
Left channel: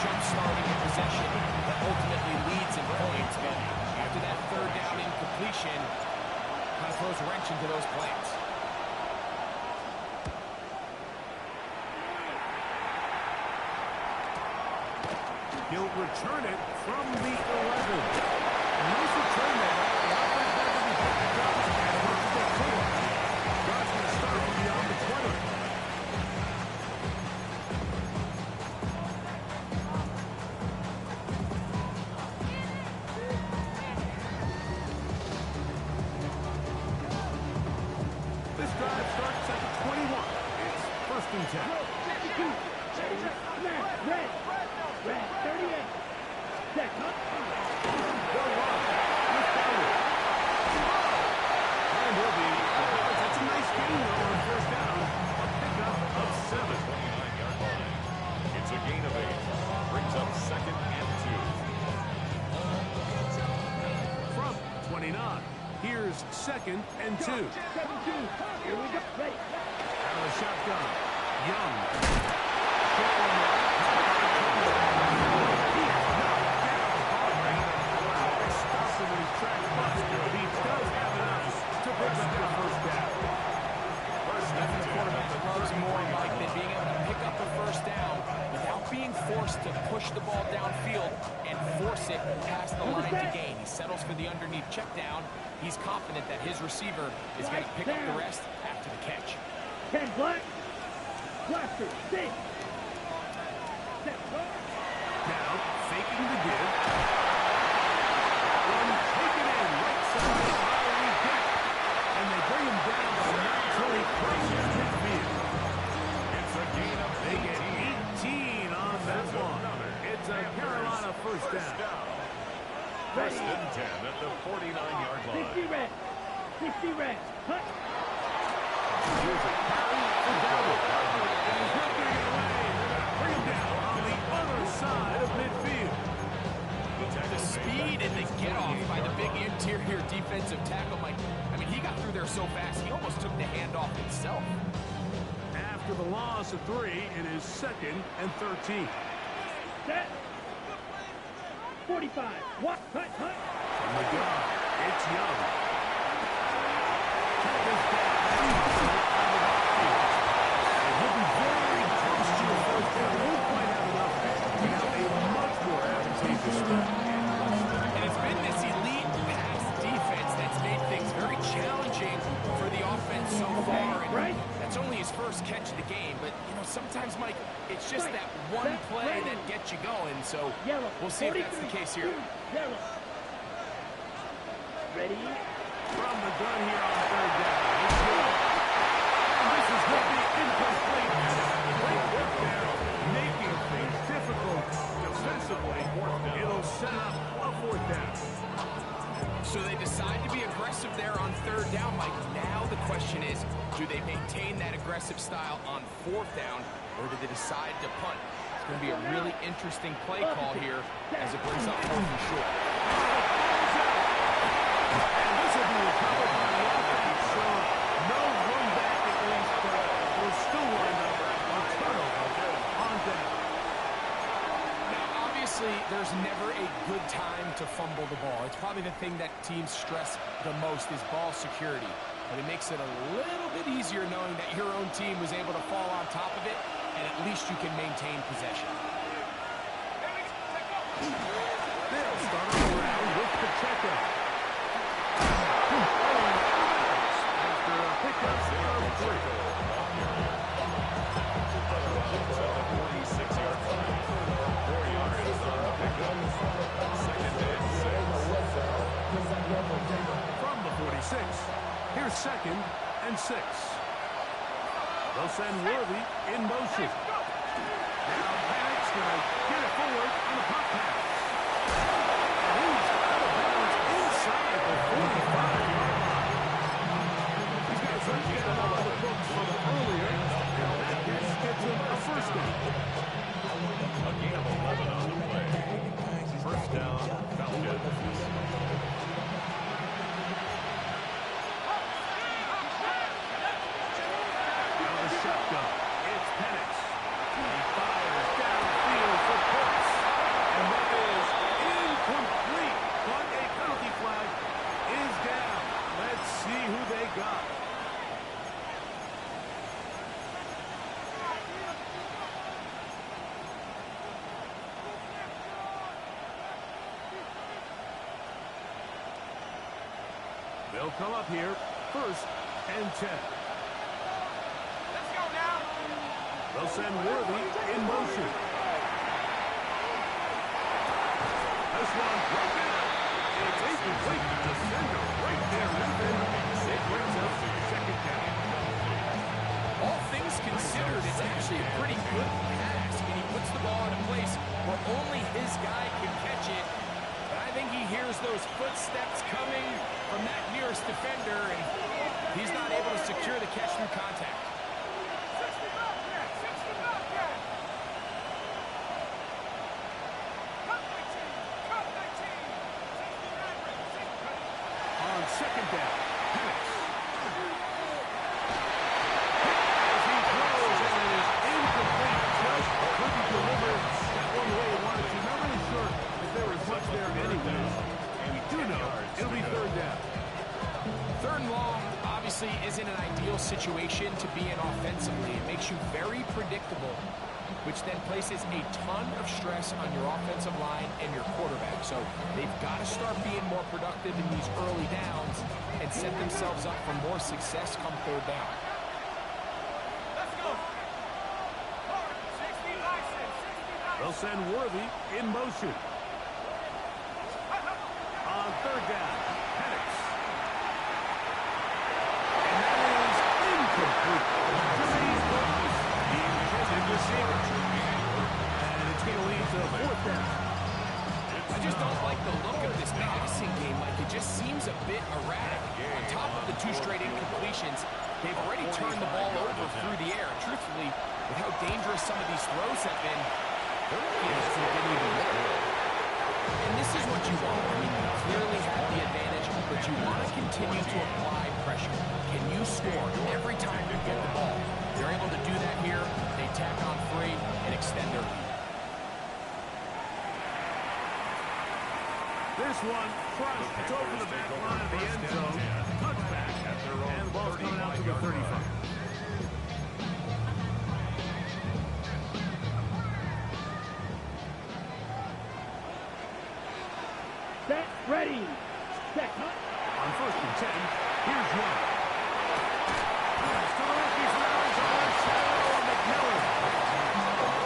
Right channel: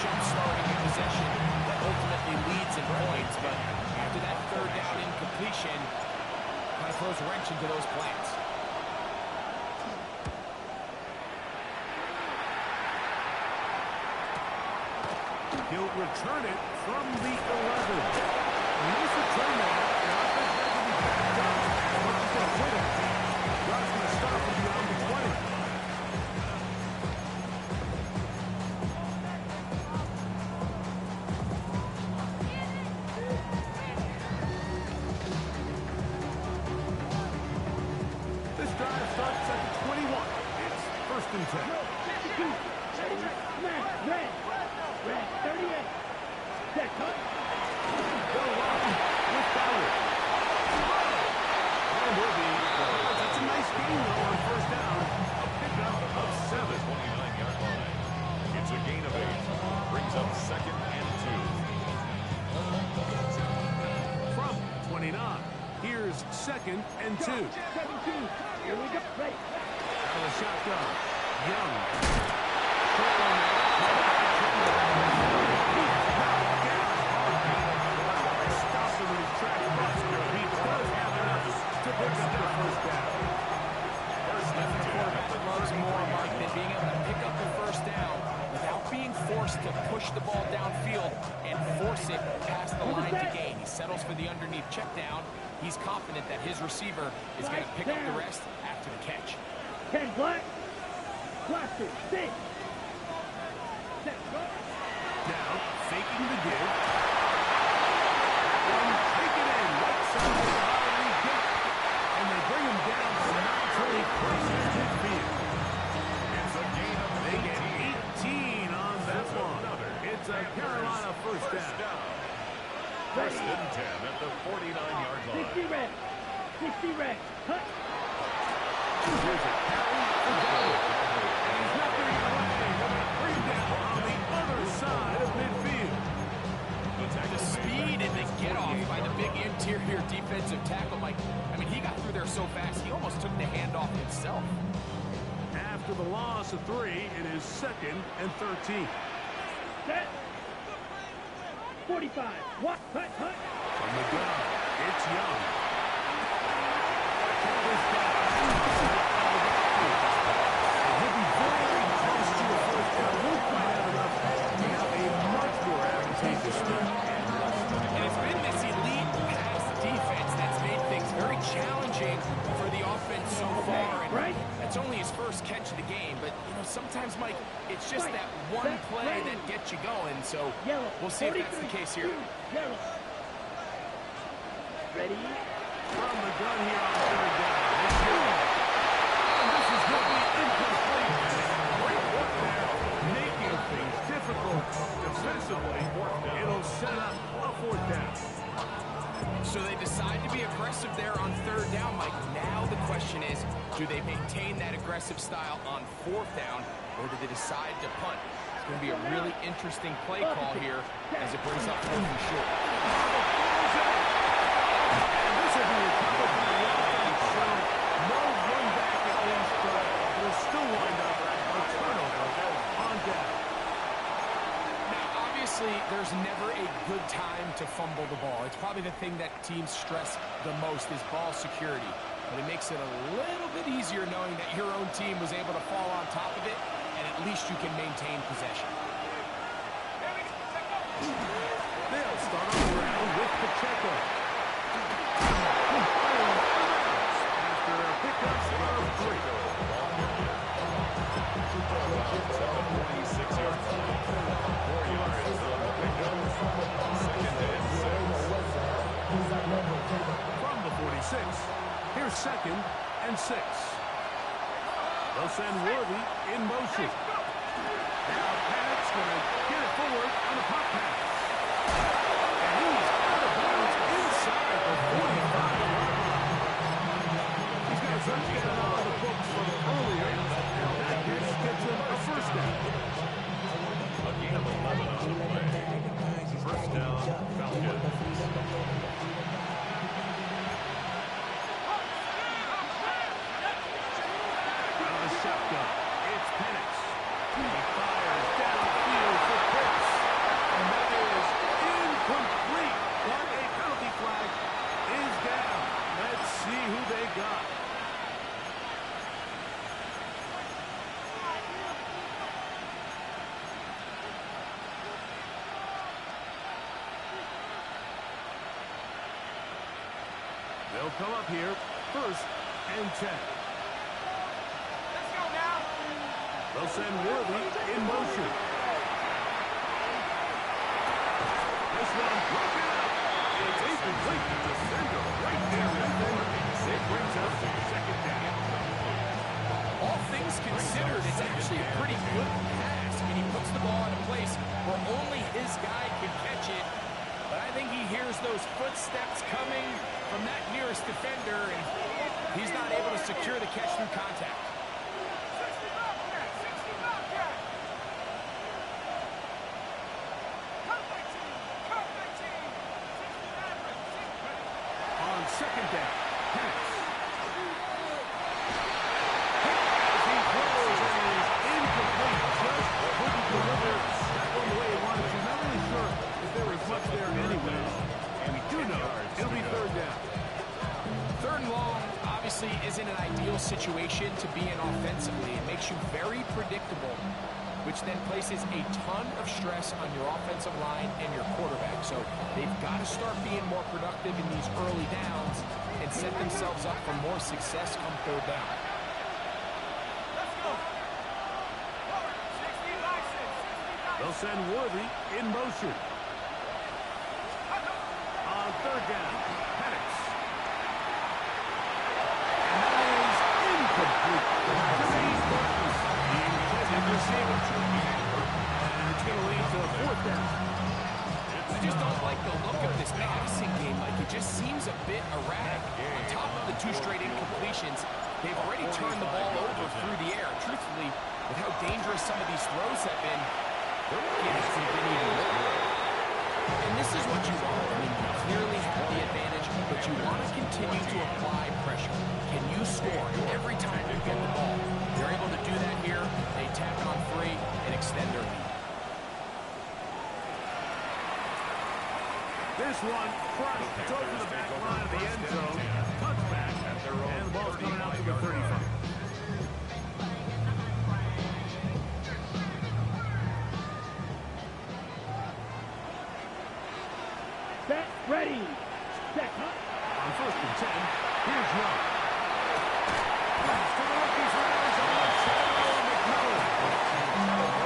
Jump-starting a possession that ultimately leads in points, but after that third down incompletion, kind of throws a wrench into those plans. He'll return it from the 11. Nice return there. The offense had to be backed up as much as they could have. Drive's going to start from beyond the 20. This drive starts at the 21. It's 1st and 10. Ready, smash, red, 38. Set, cut. Go long with Bauer. And he'll be, that's a nice gain, though, on 1st down. A pickup of 7. 29-yard line. It's a gain of 8. Brings up 2nd and 2. From 29. Here's 2nd and 2. 17. Here we go. Ready. Out of the shotgun. Young. He is knocked down hard. They stop him in his tracks, but he does have enough to pick up the 1st down. Nothing the quarterback loves more, Mike, than being able to pick up a 1st down without being forced to push the ball downfield and force it past the line to gain. He settles for the underneath check down. He's confident that his receiver is going to pick up the rest after the catch. 10 black. Blaster, 6. Set, go. Now, faking the give. One, take it in, right side, Holly get. And they bring him down by not until he crosses midfield. It's a gain of 18. They get 18 on that one. It's a Carolina 1st down. 1st and 10 at the 49-yard line. 60 red. 60 red. Cut. Here's a carry for Dowdle. And he's not going to get away. They're going to bring him down on the other side of midfield. The speed and the get-off by the big interior defensive tackle, Mike. I mean, he got through there so fast, he almost took the handoff himself. After the loss of 3, it is 2nd and 13. Set. 45. What? Cut. From the gun, it's Young. Check this down. Out of the backfield. And he'll be very close to a 1st down. Won't quite have enough to have a much more advantageous start. And it's been this elite pass defense that's made things very challenging for the offense so far. And right. that's only his 1st catch of the game. But, you know, sometimes, Mike, it's just that one play that gets you going. So Yellow. we'll see if that's the case here. Yellow. Ready. From the gun here on 3rd down. It's Young. And this is going to be incomplete. Great work there, making things difficult defensively. It'll set up a 4th down. So they decide to be aggressive there on 3rd down, Mike. Now the question is, do they maintain that aggressive style on 4th down, or do they decide to punt? It's going to be a really interesting play call here as it brings up 4th and short. And this will be recovered by the offense, so no run back at least, but we'll still wind up a turnover on down. Now, obviously, there's never a good time to fumble the ball. It's probably the thing that teams stress the most is ball security. But it makes it a little bit easier knowing that your own team was able to fall on top of it, and at least you can maintain possession. They'll start on the round with Pacheco. After a pickup of 3. At the 46-yard line. 4 yards on the pickup. 2nd and 6. From the 46, here's 2nd and 6. They'll send Worthy in motion. Now Panic's going to get it forward on the pop pass. And he's out of bounds inside the 45-yard line. He's got a touchdown on the books from earlier, and that gets him a 1st down. A gain of 11 on the play. 1st down, Falcons. Out of the shotgun, it's Penix. He fires downfield for Pitts. And that is incomplete. But a penalty flag is down. Let's see who they got. come up here, 1st and 10. Let's go now. They'll send Worthy in motion. This one broken up. It's incomplete. Defender right there with him. It brings up 2nd down. All things considered, it's actually a pretty good pass. I mean, he puts the ball in a place where only his guy can catch it. But I think he hears those footsteps coming from that nearest defender, and he's not able to secure the catch through contact. 60 Bobcat. 60 Bobcat. Cut 19. Cut 19. 60 Maverick. 6 ready. On 2nd down, Penix. As he throws, and it is incomplete. Just couldn't deliver that one the way he wanted to. Not really sure if there was much there anyways. And we do know it'll be 3rd down. 3rd and long obviously isn't an ideal situation to be in offensively. It makes you very predictable, which then places a ton of stress on your offensive line and your quarterback. So they've got to start being more productive in these early downs and set themselves up for more success come 3rd down. Let's go. Forward. 60 license. 60 license. They'll send Worthy in motion. On 3rd down, Penix. And that is incomplete. Jermaine Burton, the intended receiver. And it's going to lead to 4th down. I just don't like the look of this passing game. Like, it just seems a bit erratic. On top of the 2 straight incompletions, they've already turned the ball over through the air. Truthfully, with how dangerous some of these throws have been, their games could have been even more. And this is what you want. I mean, you clearly have the advantage, but you want to continue to apply pressure. Can you score every time you get the ball? They're able to do that here. They tack on 3 and extend their lead. This one crushed. It's over the back line of the end zone. Touchback. And the ball's coming out to the 35. Set. Ready. Set. Cut. On 1st and 10, here's Young. Pass to the rookie for Arizona, Cheryl McMillan.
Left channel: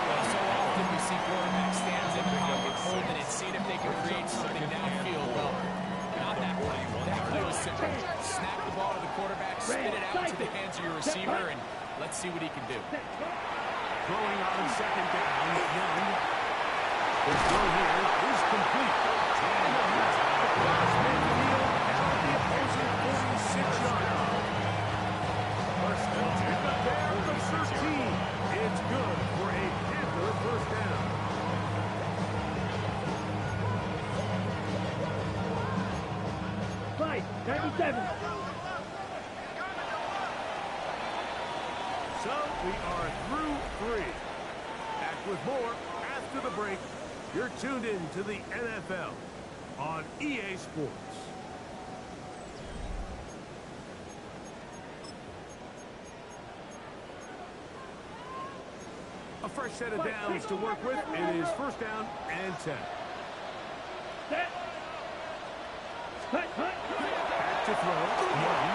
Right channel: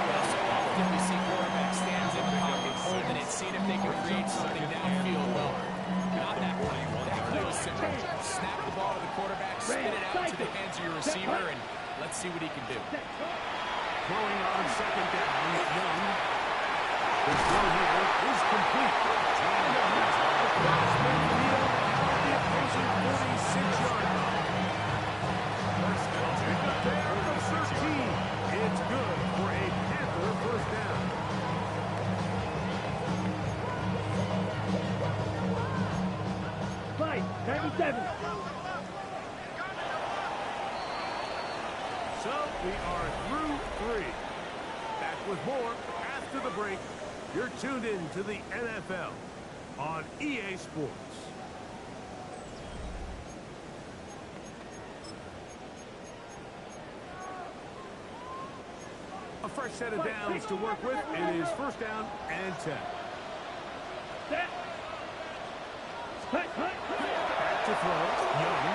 Well, so often we see quarterbacks stands in the pocket, holding it, seeing if they can create something downfield. Well, not that play. That play was simple. Snap the ball to the quarterback, spit it out to the hands of your receiver, and let's see what he can do. Set. Cut. Throwing on 2nd down, Young. The throw here is complete. And the pass across midfield out at the opposing 46-yard line. First down, pick up there at the 13. It's good for a Panther 1st down. Fight. 97. So we are through 3. Back with more after the break. You're tuned in to the NFL on EA Sports. A fresh set of downs to work with. It is 1st down and 10. Set. Cut. Cut. Back to throw. Young.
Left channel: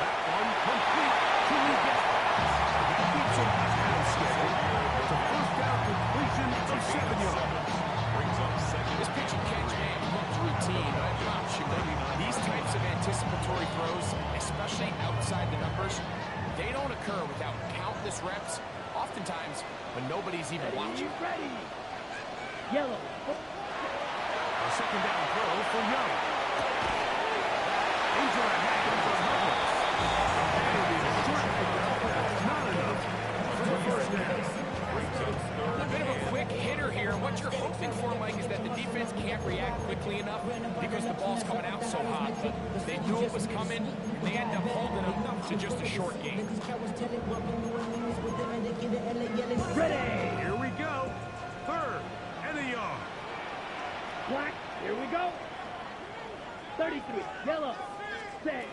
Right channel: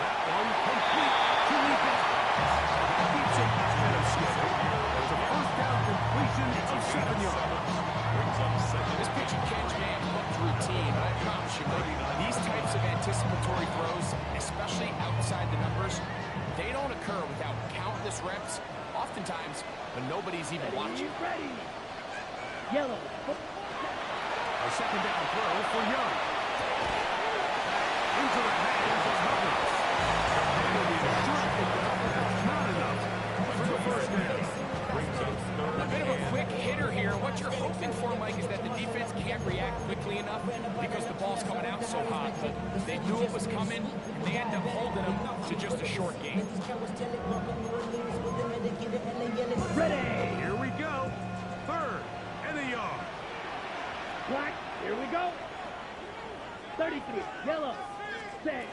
That one complete to Lee Gaskins. That keeps him ahead of schedule. It's a 1st down completion of 7 yards. Brings up 2nd. This pitch and catch may have looked routine, but I promise you, Mike, these types of anticipatory throws, especially outside the numbers, they don't occur without countless reps, oftentimes when nobody's even watching. Ready. Yellow. A 2nd down throw for Young. Into the hands of Hubbard. It'll be a short pickup, but that's not enough for the 1st down. Brings up 3rd. A bit of a quick hitter here, and what you're hoping for, Mike, is that the defense can't react quickly enough because the ball's coming out so hot. But they knew it was coming, and they end up holding them to just a short game. Ready. Here we go. 3rd and a yard. Black. Here we go. 33. Yellow. Set.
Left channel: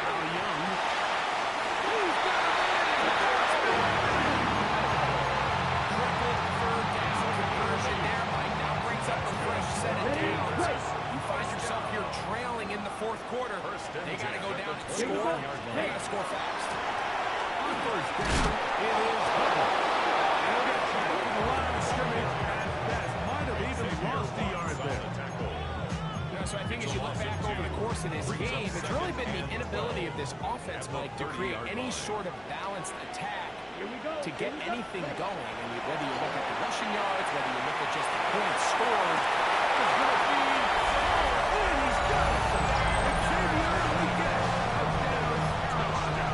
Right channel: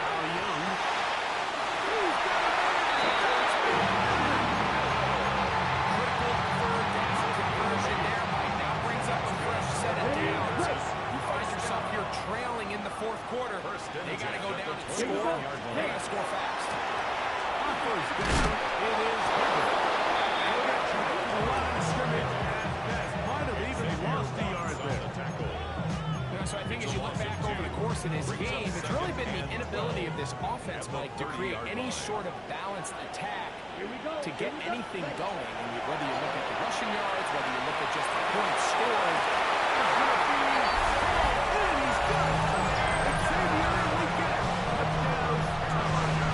Now Young. He's got a man. Critical 3rd down conversion there, Mike. Now brings up a fresh set of downs. You find yourself here trailing in the 4th fourth quarter. They got to go down and Here we score. go. They got to score fast. On first down, it is covered. And he'll get back to the line of scrimmage as best. Might have even lost a yard there. You know, so I think as you look back over the course of this game, it's really been the inability of this offense, Mike, to create any sort of balanced attack to get anything going. And whether you look at the rushing yards, whether you look at just the points scored, It's going to be and he's got it. Xavier Leggett, touchdown, Carolina.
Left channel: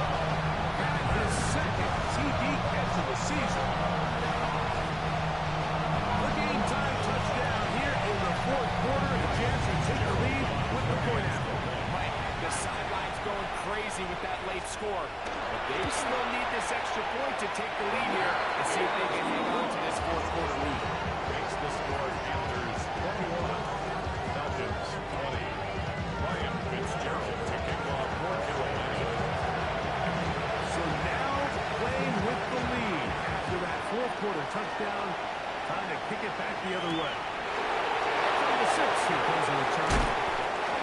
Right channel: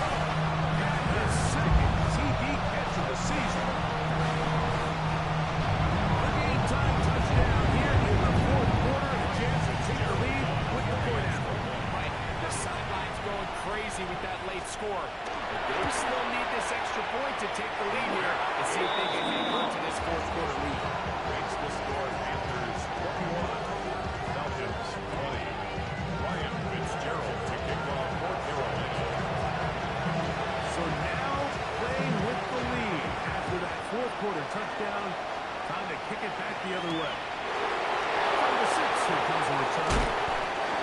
That is second TD catch of the season. The game-time touchdown here in the fourth quarter, and a chance to take the lead with the point after. Mike, the sideline's going crazy with that late score. But they still need this extra point to take the lead here and see if they can hang on to this fourth quarter lead. Makes the score Panthers 21, Falcons 20. Ryan Fitzgerald to kick off for Carolina. So now playing with the lead after that fourth quarter touchdown. Time to kick it back the other way. From the 6, here comes a return.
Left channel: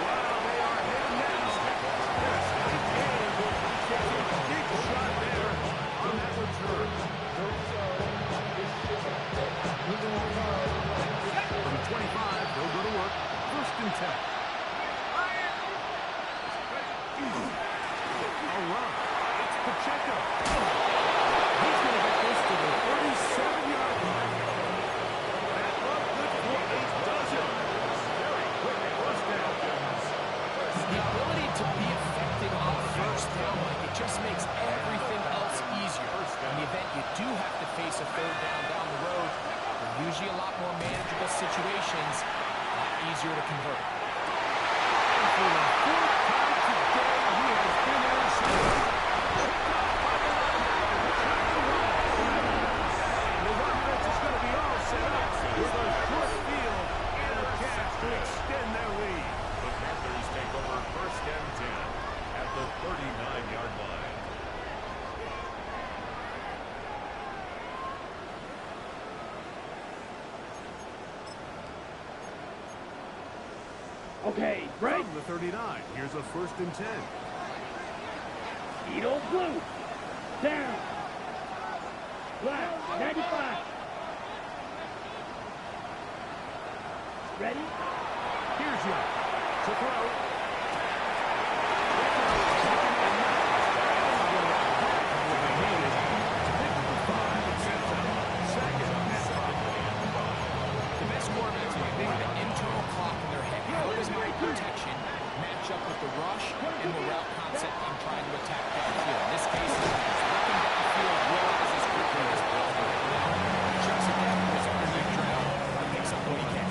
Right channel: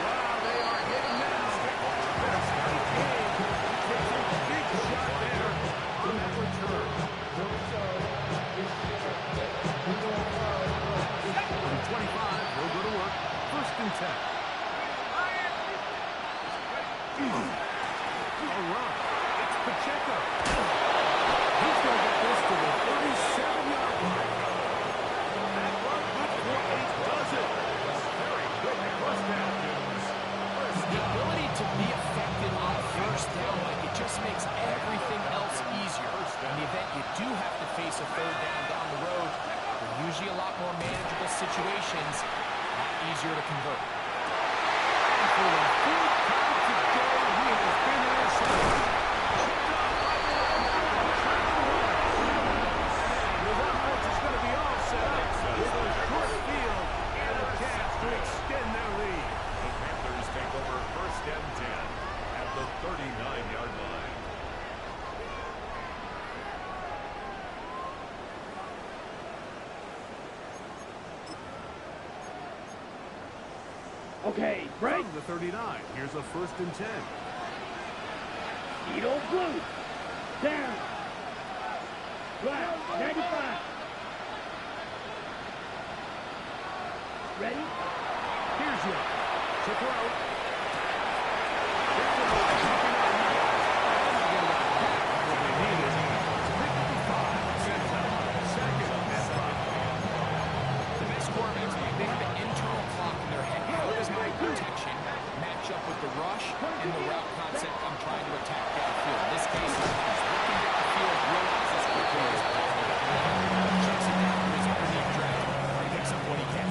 Wow, they are hitting now. That's a tight game. Takes a big shot there on that return. From 25, they'll go to work. First and 10. A run. It's Pacheco. He's going to get this to the 37-yard line. That run good for 8 does it. Very quick first down. The ability to be effective on first down, like it just makes everything else easier. In the event you do have to face a third down the road, they're usually a lot more manageable situations, a lot easier to convert. And for the fourth time today, he has been intercepted. Picked up by the linebacker, trying to run. And his offense is going to be all set up with a short field and a chance to extend their lead. The Panthers take over first and 10 at the 39-yard line. Okay, break. From the 39, here's a first and 10. Edo blue. Down. Black. 95. Ready? Here's Young to throw. Taken in. And they'll get it back what they needed to pick up the 5 and send them second and 5. The best quarterbacks might make the internal clock in their head. How does my protection match up with the rush and the route concept I'm trying to attack downfield? In this case, he's looking downfield, realizes quickly his ball chucks it down to his underneath drag, and picks up what he can.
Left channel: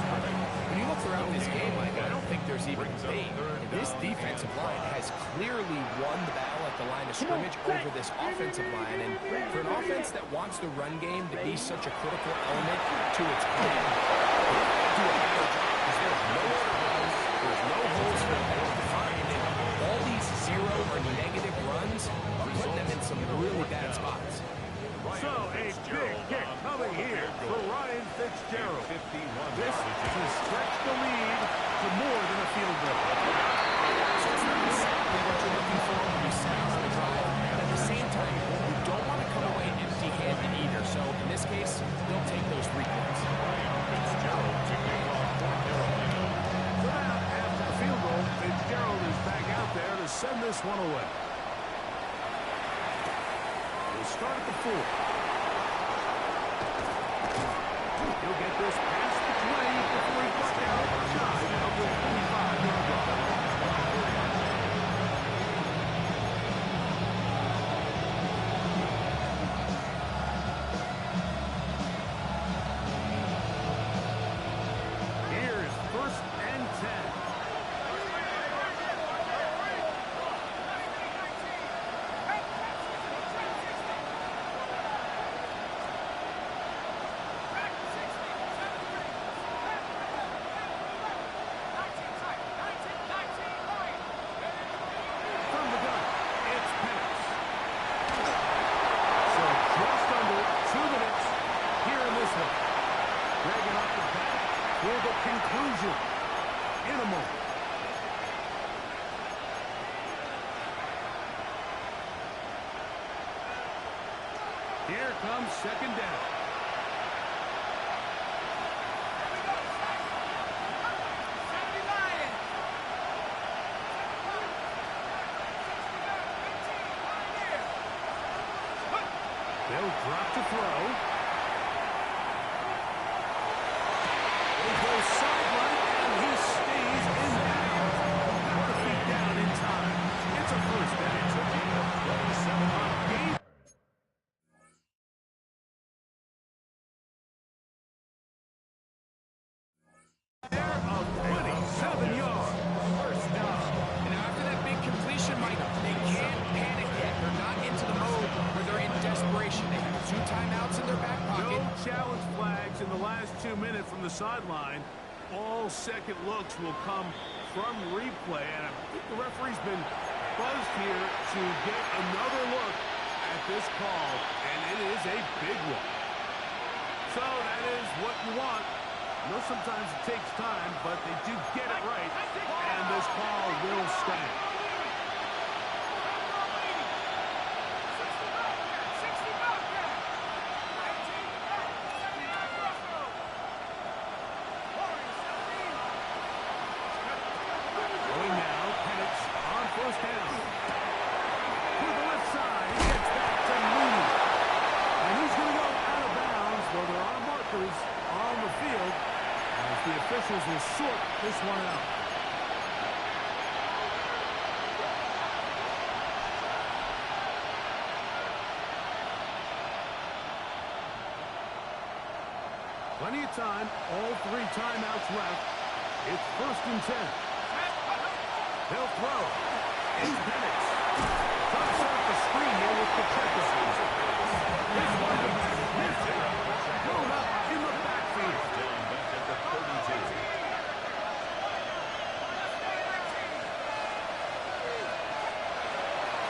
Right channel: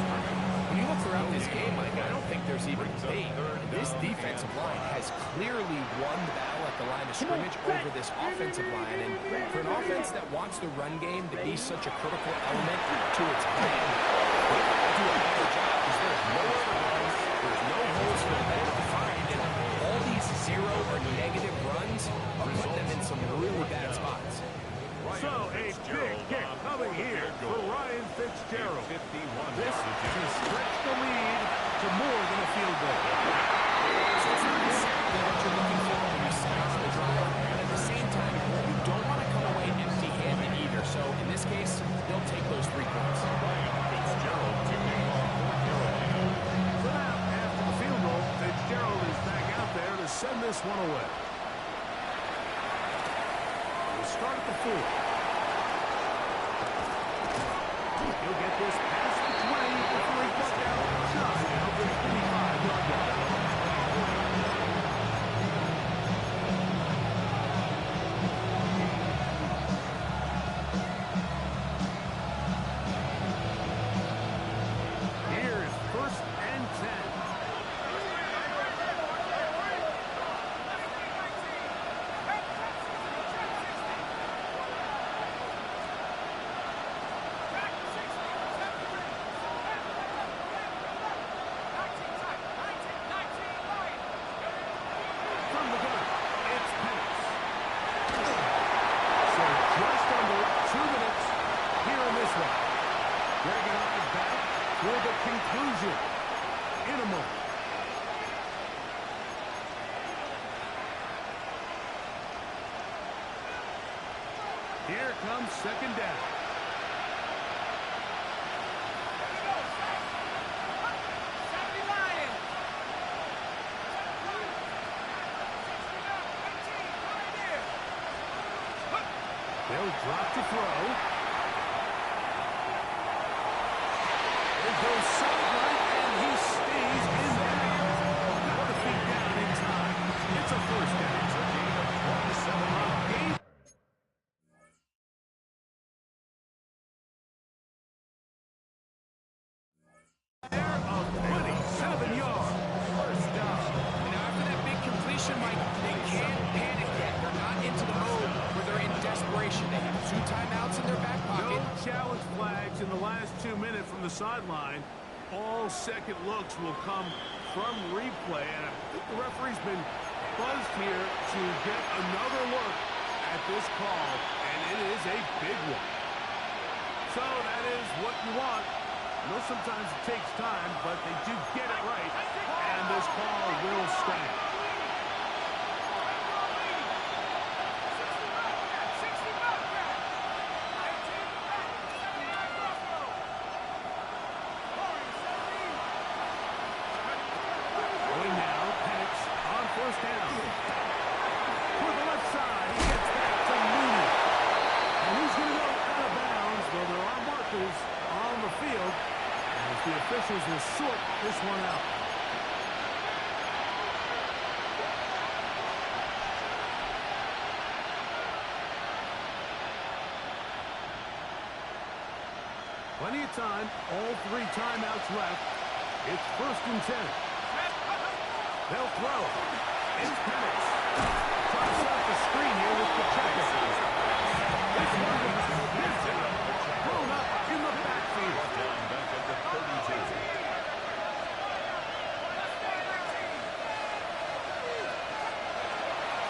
When you look throughout this game, Mike, I don't think there's even debate. This defensive line has clearly won the battle at the line of scrimmage over this offensive line. And for an offense that wants the run game to be such a critical element to its plan, they've got to do a better job because there's nowhere to run, there's no holes for the back to find, and all these zero or negative runs are putting them in some really bad spots. So a big kick coming here for Ryan Fitzgerald. This to stretch the lead to more than a field goal. So it's not exactly what you're looking for when you set out on the drive, but at the same time, you don't want to come away empty-handed either. So in this case, they'll take those 3 points. Ryan Fitzgerald to kick off for Carolina. So now, after the field goal, Fitzgerald is back out there to send this one away. We'll start at the 4. He'll get this past the 20 before he bucked out shy of the 25-yard line. Here's first and 10. Here comes second down. They'll drop to throw. They go sideline, and he stays in bounds. Got the feet down in time. It's a first down. It's a gain of 27 yards. There of 27 yards. First down. And after that big completion, Mike, they can't panic yet. They're not into the mode where they're in desperation. They have 2 timeouts in their back pocket. No challenge flags in the last 2 minutes from the sideline. All second looks will come from replay, and I think the referee's been buzzed here to get another look at this call, and it is a big one. So that is what you want. I know sometimes it takes time, but they do get it right, and this call will stand. Going now, Penix on first down. To the left side, he gets back to Mooney. And he's going to go out of bounds, though there are markers on the field, as the officials will sort this one out. Plenty of time, all 3 timeouts left. It's 1st and 10. They'll throw. It's Penix. Trying to set up a screen here with Pacheco. This one is thrown up in the backfield. Down back at the 32.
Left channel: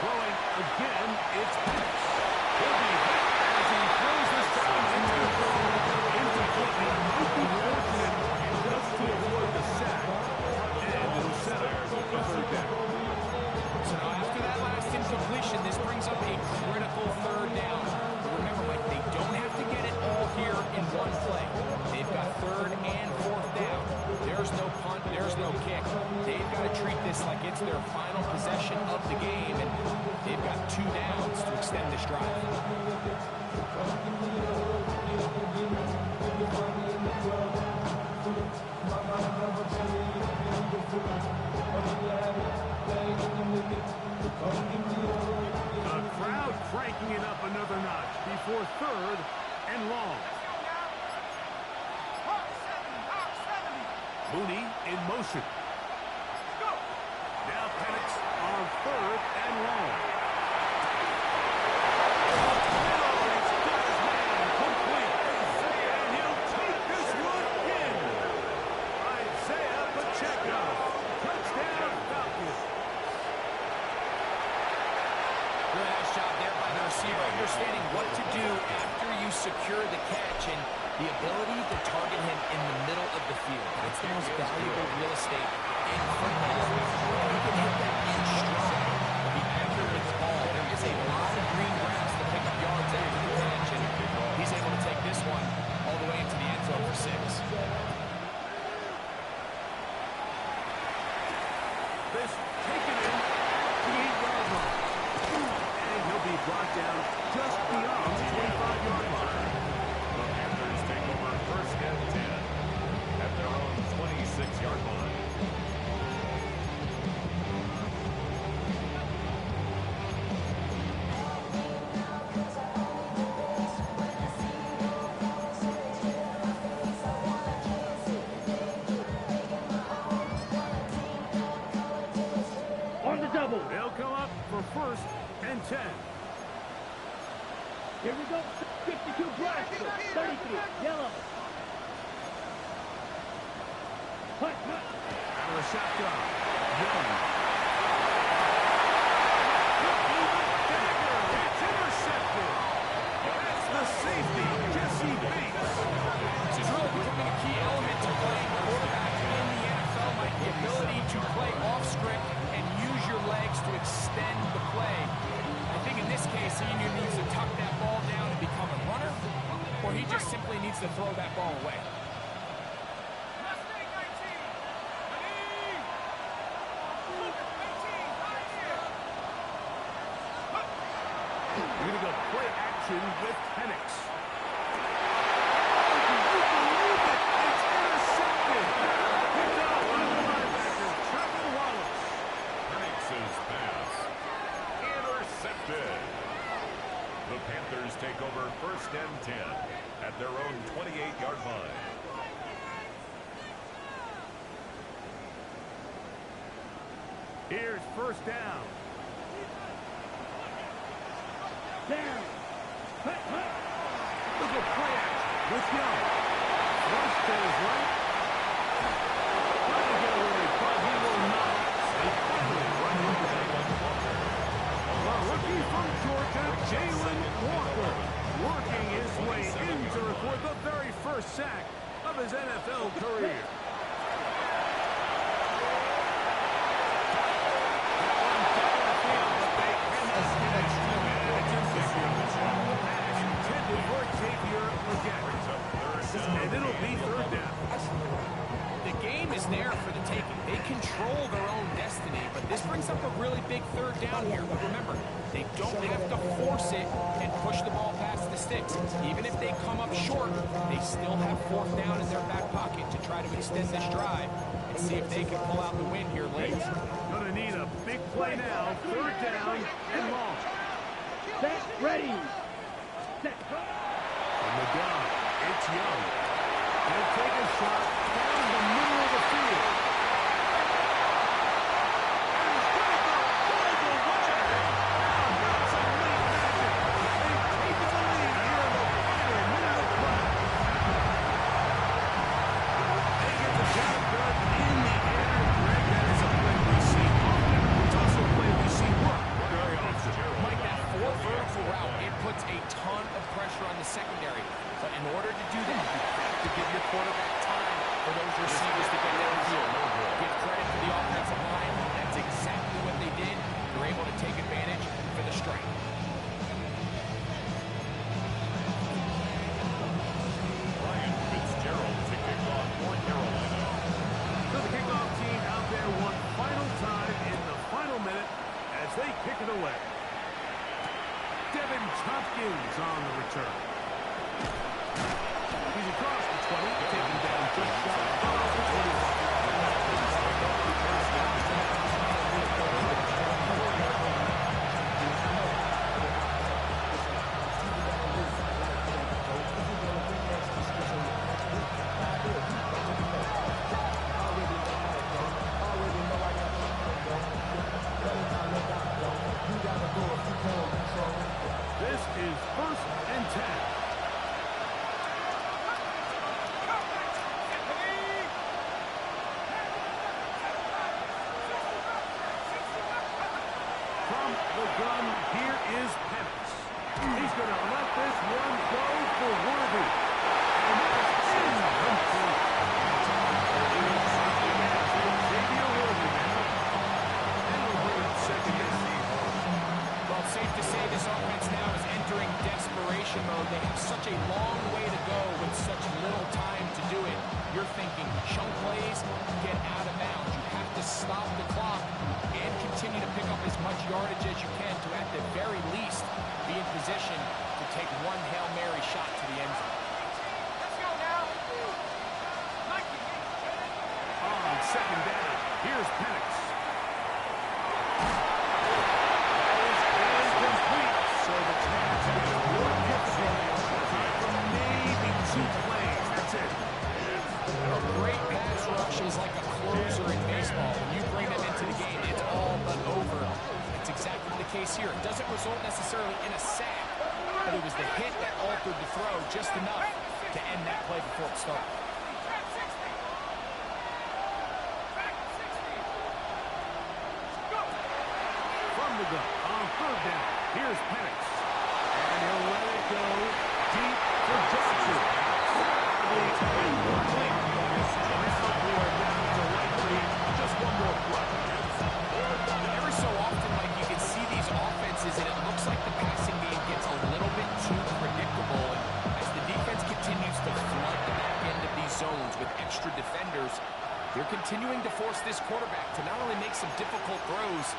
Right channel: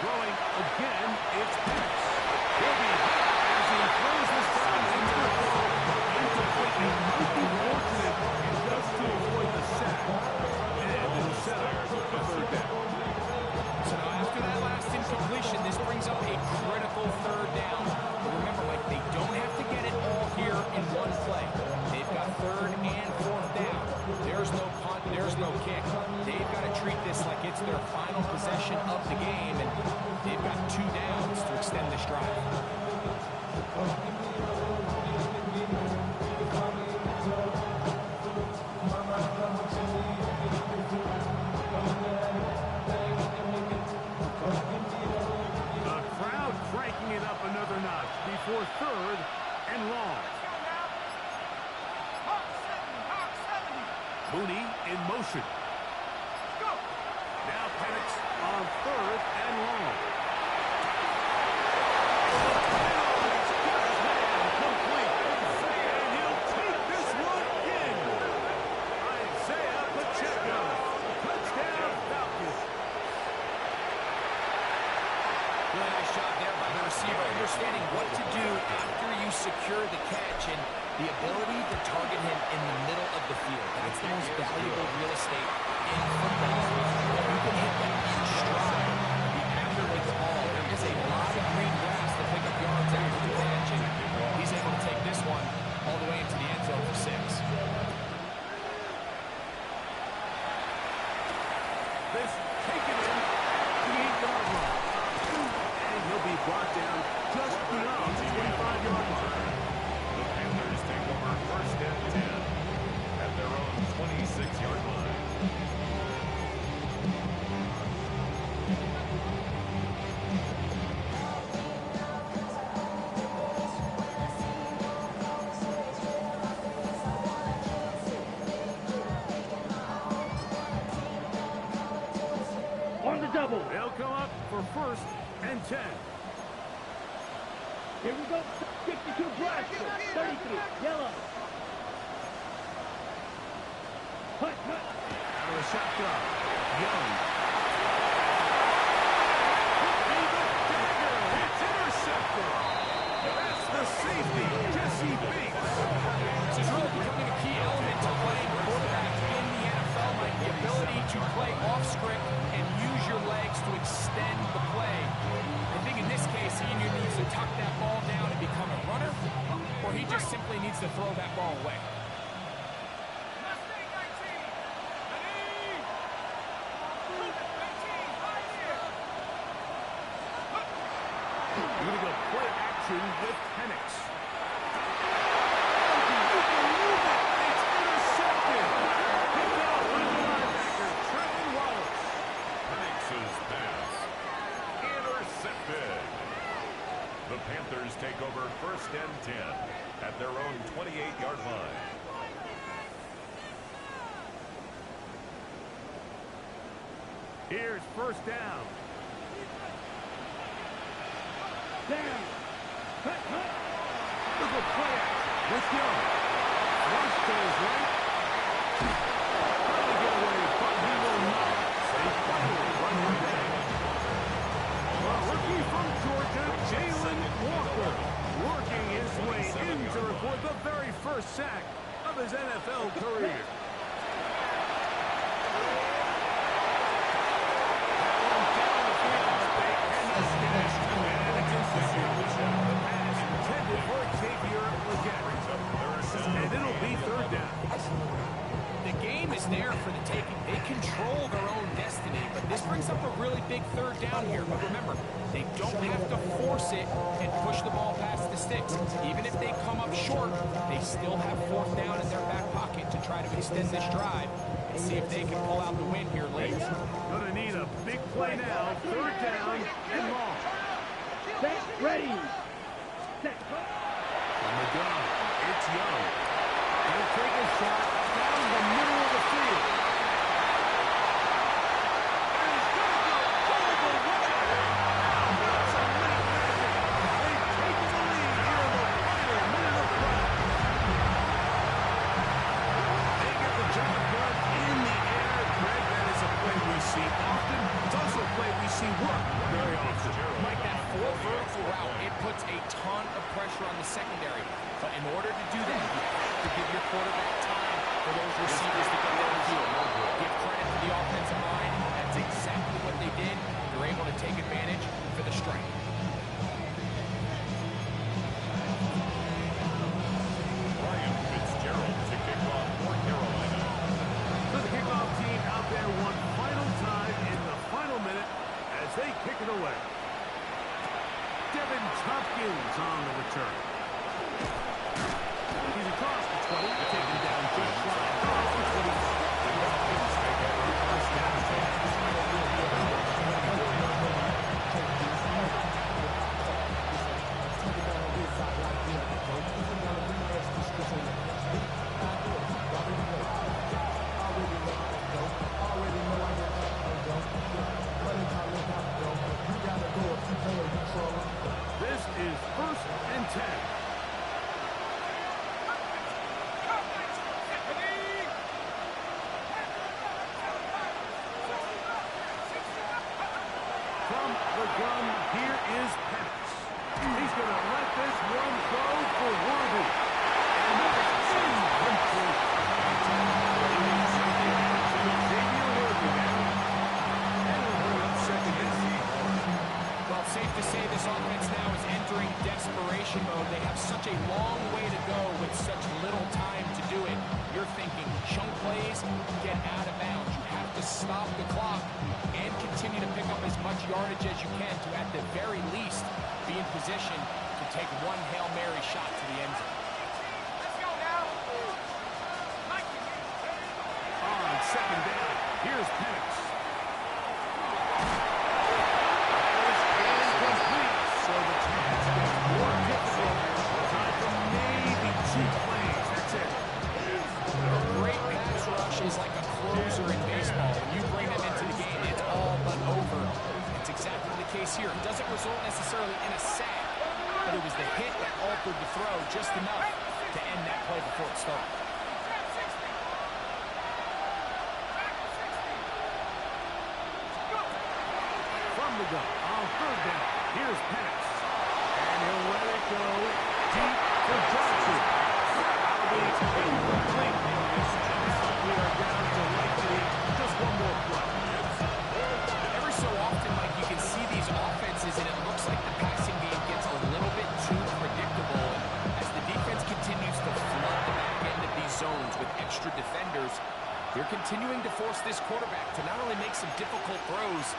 Throwing again, it's Penix. He'll be hit as he throws this time into the throw. Incomplete. He might be fortunate just to avoid the sack. And it'll set up a 3rd down. So now after that last incompletion, this brings up a critical 3rd down. But remember, Mike, they don't have to get it all here in one play. They've got 3rd and 4th down. There's no punt, there's no kick. They've got to treat this like it's their final possession of the game, and they've got 2 downs to extend this drive. The crowd cranking it up another notch before 3rd and long. Mooney in motion. Now Penix on 3rd and long. He's got his man complete. And he'll take this one in. Isaiah Pacheco. Touchdown Falcons. Really nice job there by the receiver, understanding what to do after you secure the catch and the ability to target him in the middle of the field. That's the most valuable real estate in football. You can hit that in stride, be accurate with the ball. There is a lot of green grass to pick up yards after the catch, and he's able to take this one all the way into the end zone for 6. This taken in at the 8-yard line. And he'll be brought down just beyond the 25-yard line. The Panthers take over 1st and 10 at their own 26-yard line. On the double. They'll come up for 1st and 10. Here we go. 52 black, 33 yellow. Punt. Out of the shotgun. Young. Could be the dagger. It's intercepted. That's the safety, Jesse Bates. This is really becoming a key element to playing quarterback in the NFL, Mike. The ability to play off script and use your legs to extend the play. I think in this case, he needs to tuck that ball down and become he just simply needs to throw that ball away. Mustang 19. Ready. Cougar 18. Right here. You're going to go play action with Penix. Oh, can you believe it? It's intercepted. Picked up by the linebacker, Trevor Wallace. Penix's pass intercepted. The Panthers take over 1st and 10 at their own 28-yard line. Here's 1st down. Down. Hut, hut. Look at play action with Young. Rush to his right. Trying to get away, but he will not. They finally run him down. A rookie from Georgia, Jalen Walker, working his way in to record the very first sack of his NFL career. That one down the field, but they cannot get it. And it's incomplete. The pass intended for Xavier Legette. And it'll be 3rd down. The game is there for the taking. They control their own destiny, but this brings up a really big 3rd down here. But remember, they don't have to force it and push the ball past the sticks. Even if they come up short, they still have 4th down in their back pocket to try to extend this drive and see if they can pull out the win here late. Going to need a big play now. 3rd down and long. Set. Ready. Set. From the gun, it's Young. He'll take a shot down the middle of the field. And he's going to go all the way. Now that's some late magic. They've taken the lead here in the final minute of play. They get the job done in the air. Greg, that is a play we see often. It's also a play we see work very often. Mike, that 4 vertical route, it puts a ton of pressure on the secondary. But in order to do that, you have to give your quarterback time for those receivers to get downfield. Give credit to the offensive line. That's exactly what they did. They're able to take advantage for the strike. Ryan Fitzgerald to kick off for Carolina. So the kickoff team out there one final time in the final minute as they kick it away. Devin Tompkins on the return. He's across the 20, taken down just shy of the 25. The Dolphins take over 1st and 10 at their own 24-yard line. This is 1st and 10. From the gun, here is Penix. He's going to let this one go for Worthy. And that's incomplete. Xavier Worthy now. And we'll bring up 2nd and 10. Well, it's safe to say this offense now is entering desperation mode. They have such a long way to go with such little time to do it. You're thinking chunk plays, get out of bounds. You have to stop the clock and continue to pick up as much yardage as you can to, at the very least, be in position to take one Hail Mary shot to the end zone. Let's go now. On 2nd down, here's Penix. So the task is more difficult. Time for maybe 2 plays. That's it. A great pass rush is like a closer in baseball. When you bring them into the game, it's all but over. It's exactly the case here. It doesn't result necessarily in a sack, but it was the hit that altered the throw just enough to end that play before it started. From the gun on 3rd down, here's Penix. And he'll let it go deep for Johnson. Incomplete. Now we are down to likely just one more play. Every so often, Mike, you can see these offenses, and it looks like the passing game gets a little bit too predictable. And as the defense zones with extra defenders. They're continuing to force this quarterback to not only make some difficult throws,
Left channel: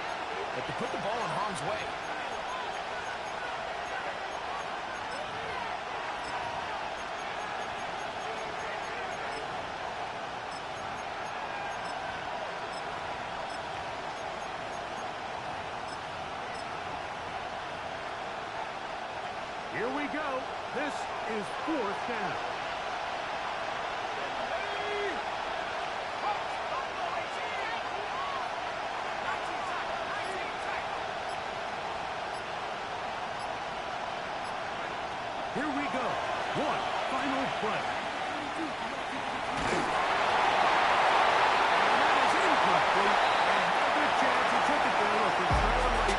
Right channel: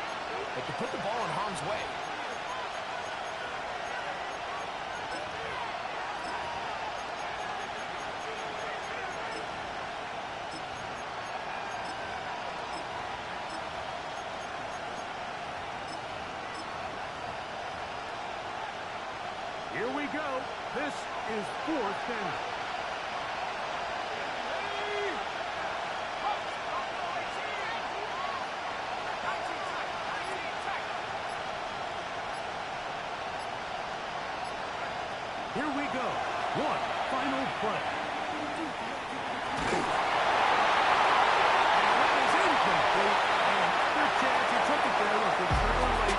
but to put the ball in harm's way. Here we go. This is 4th down. Here we go. One final play. And that is incomplete. Another chance. He took it there. Look, they're trailing like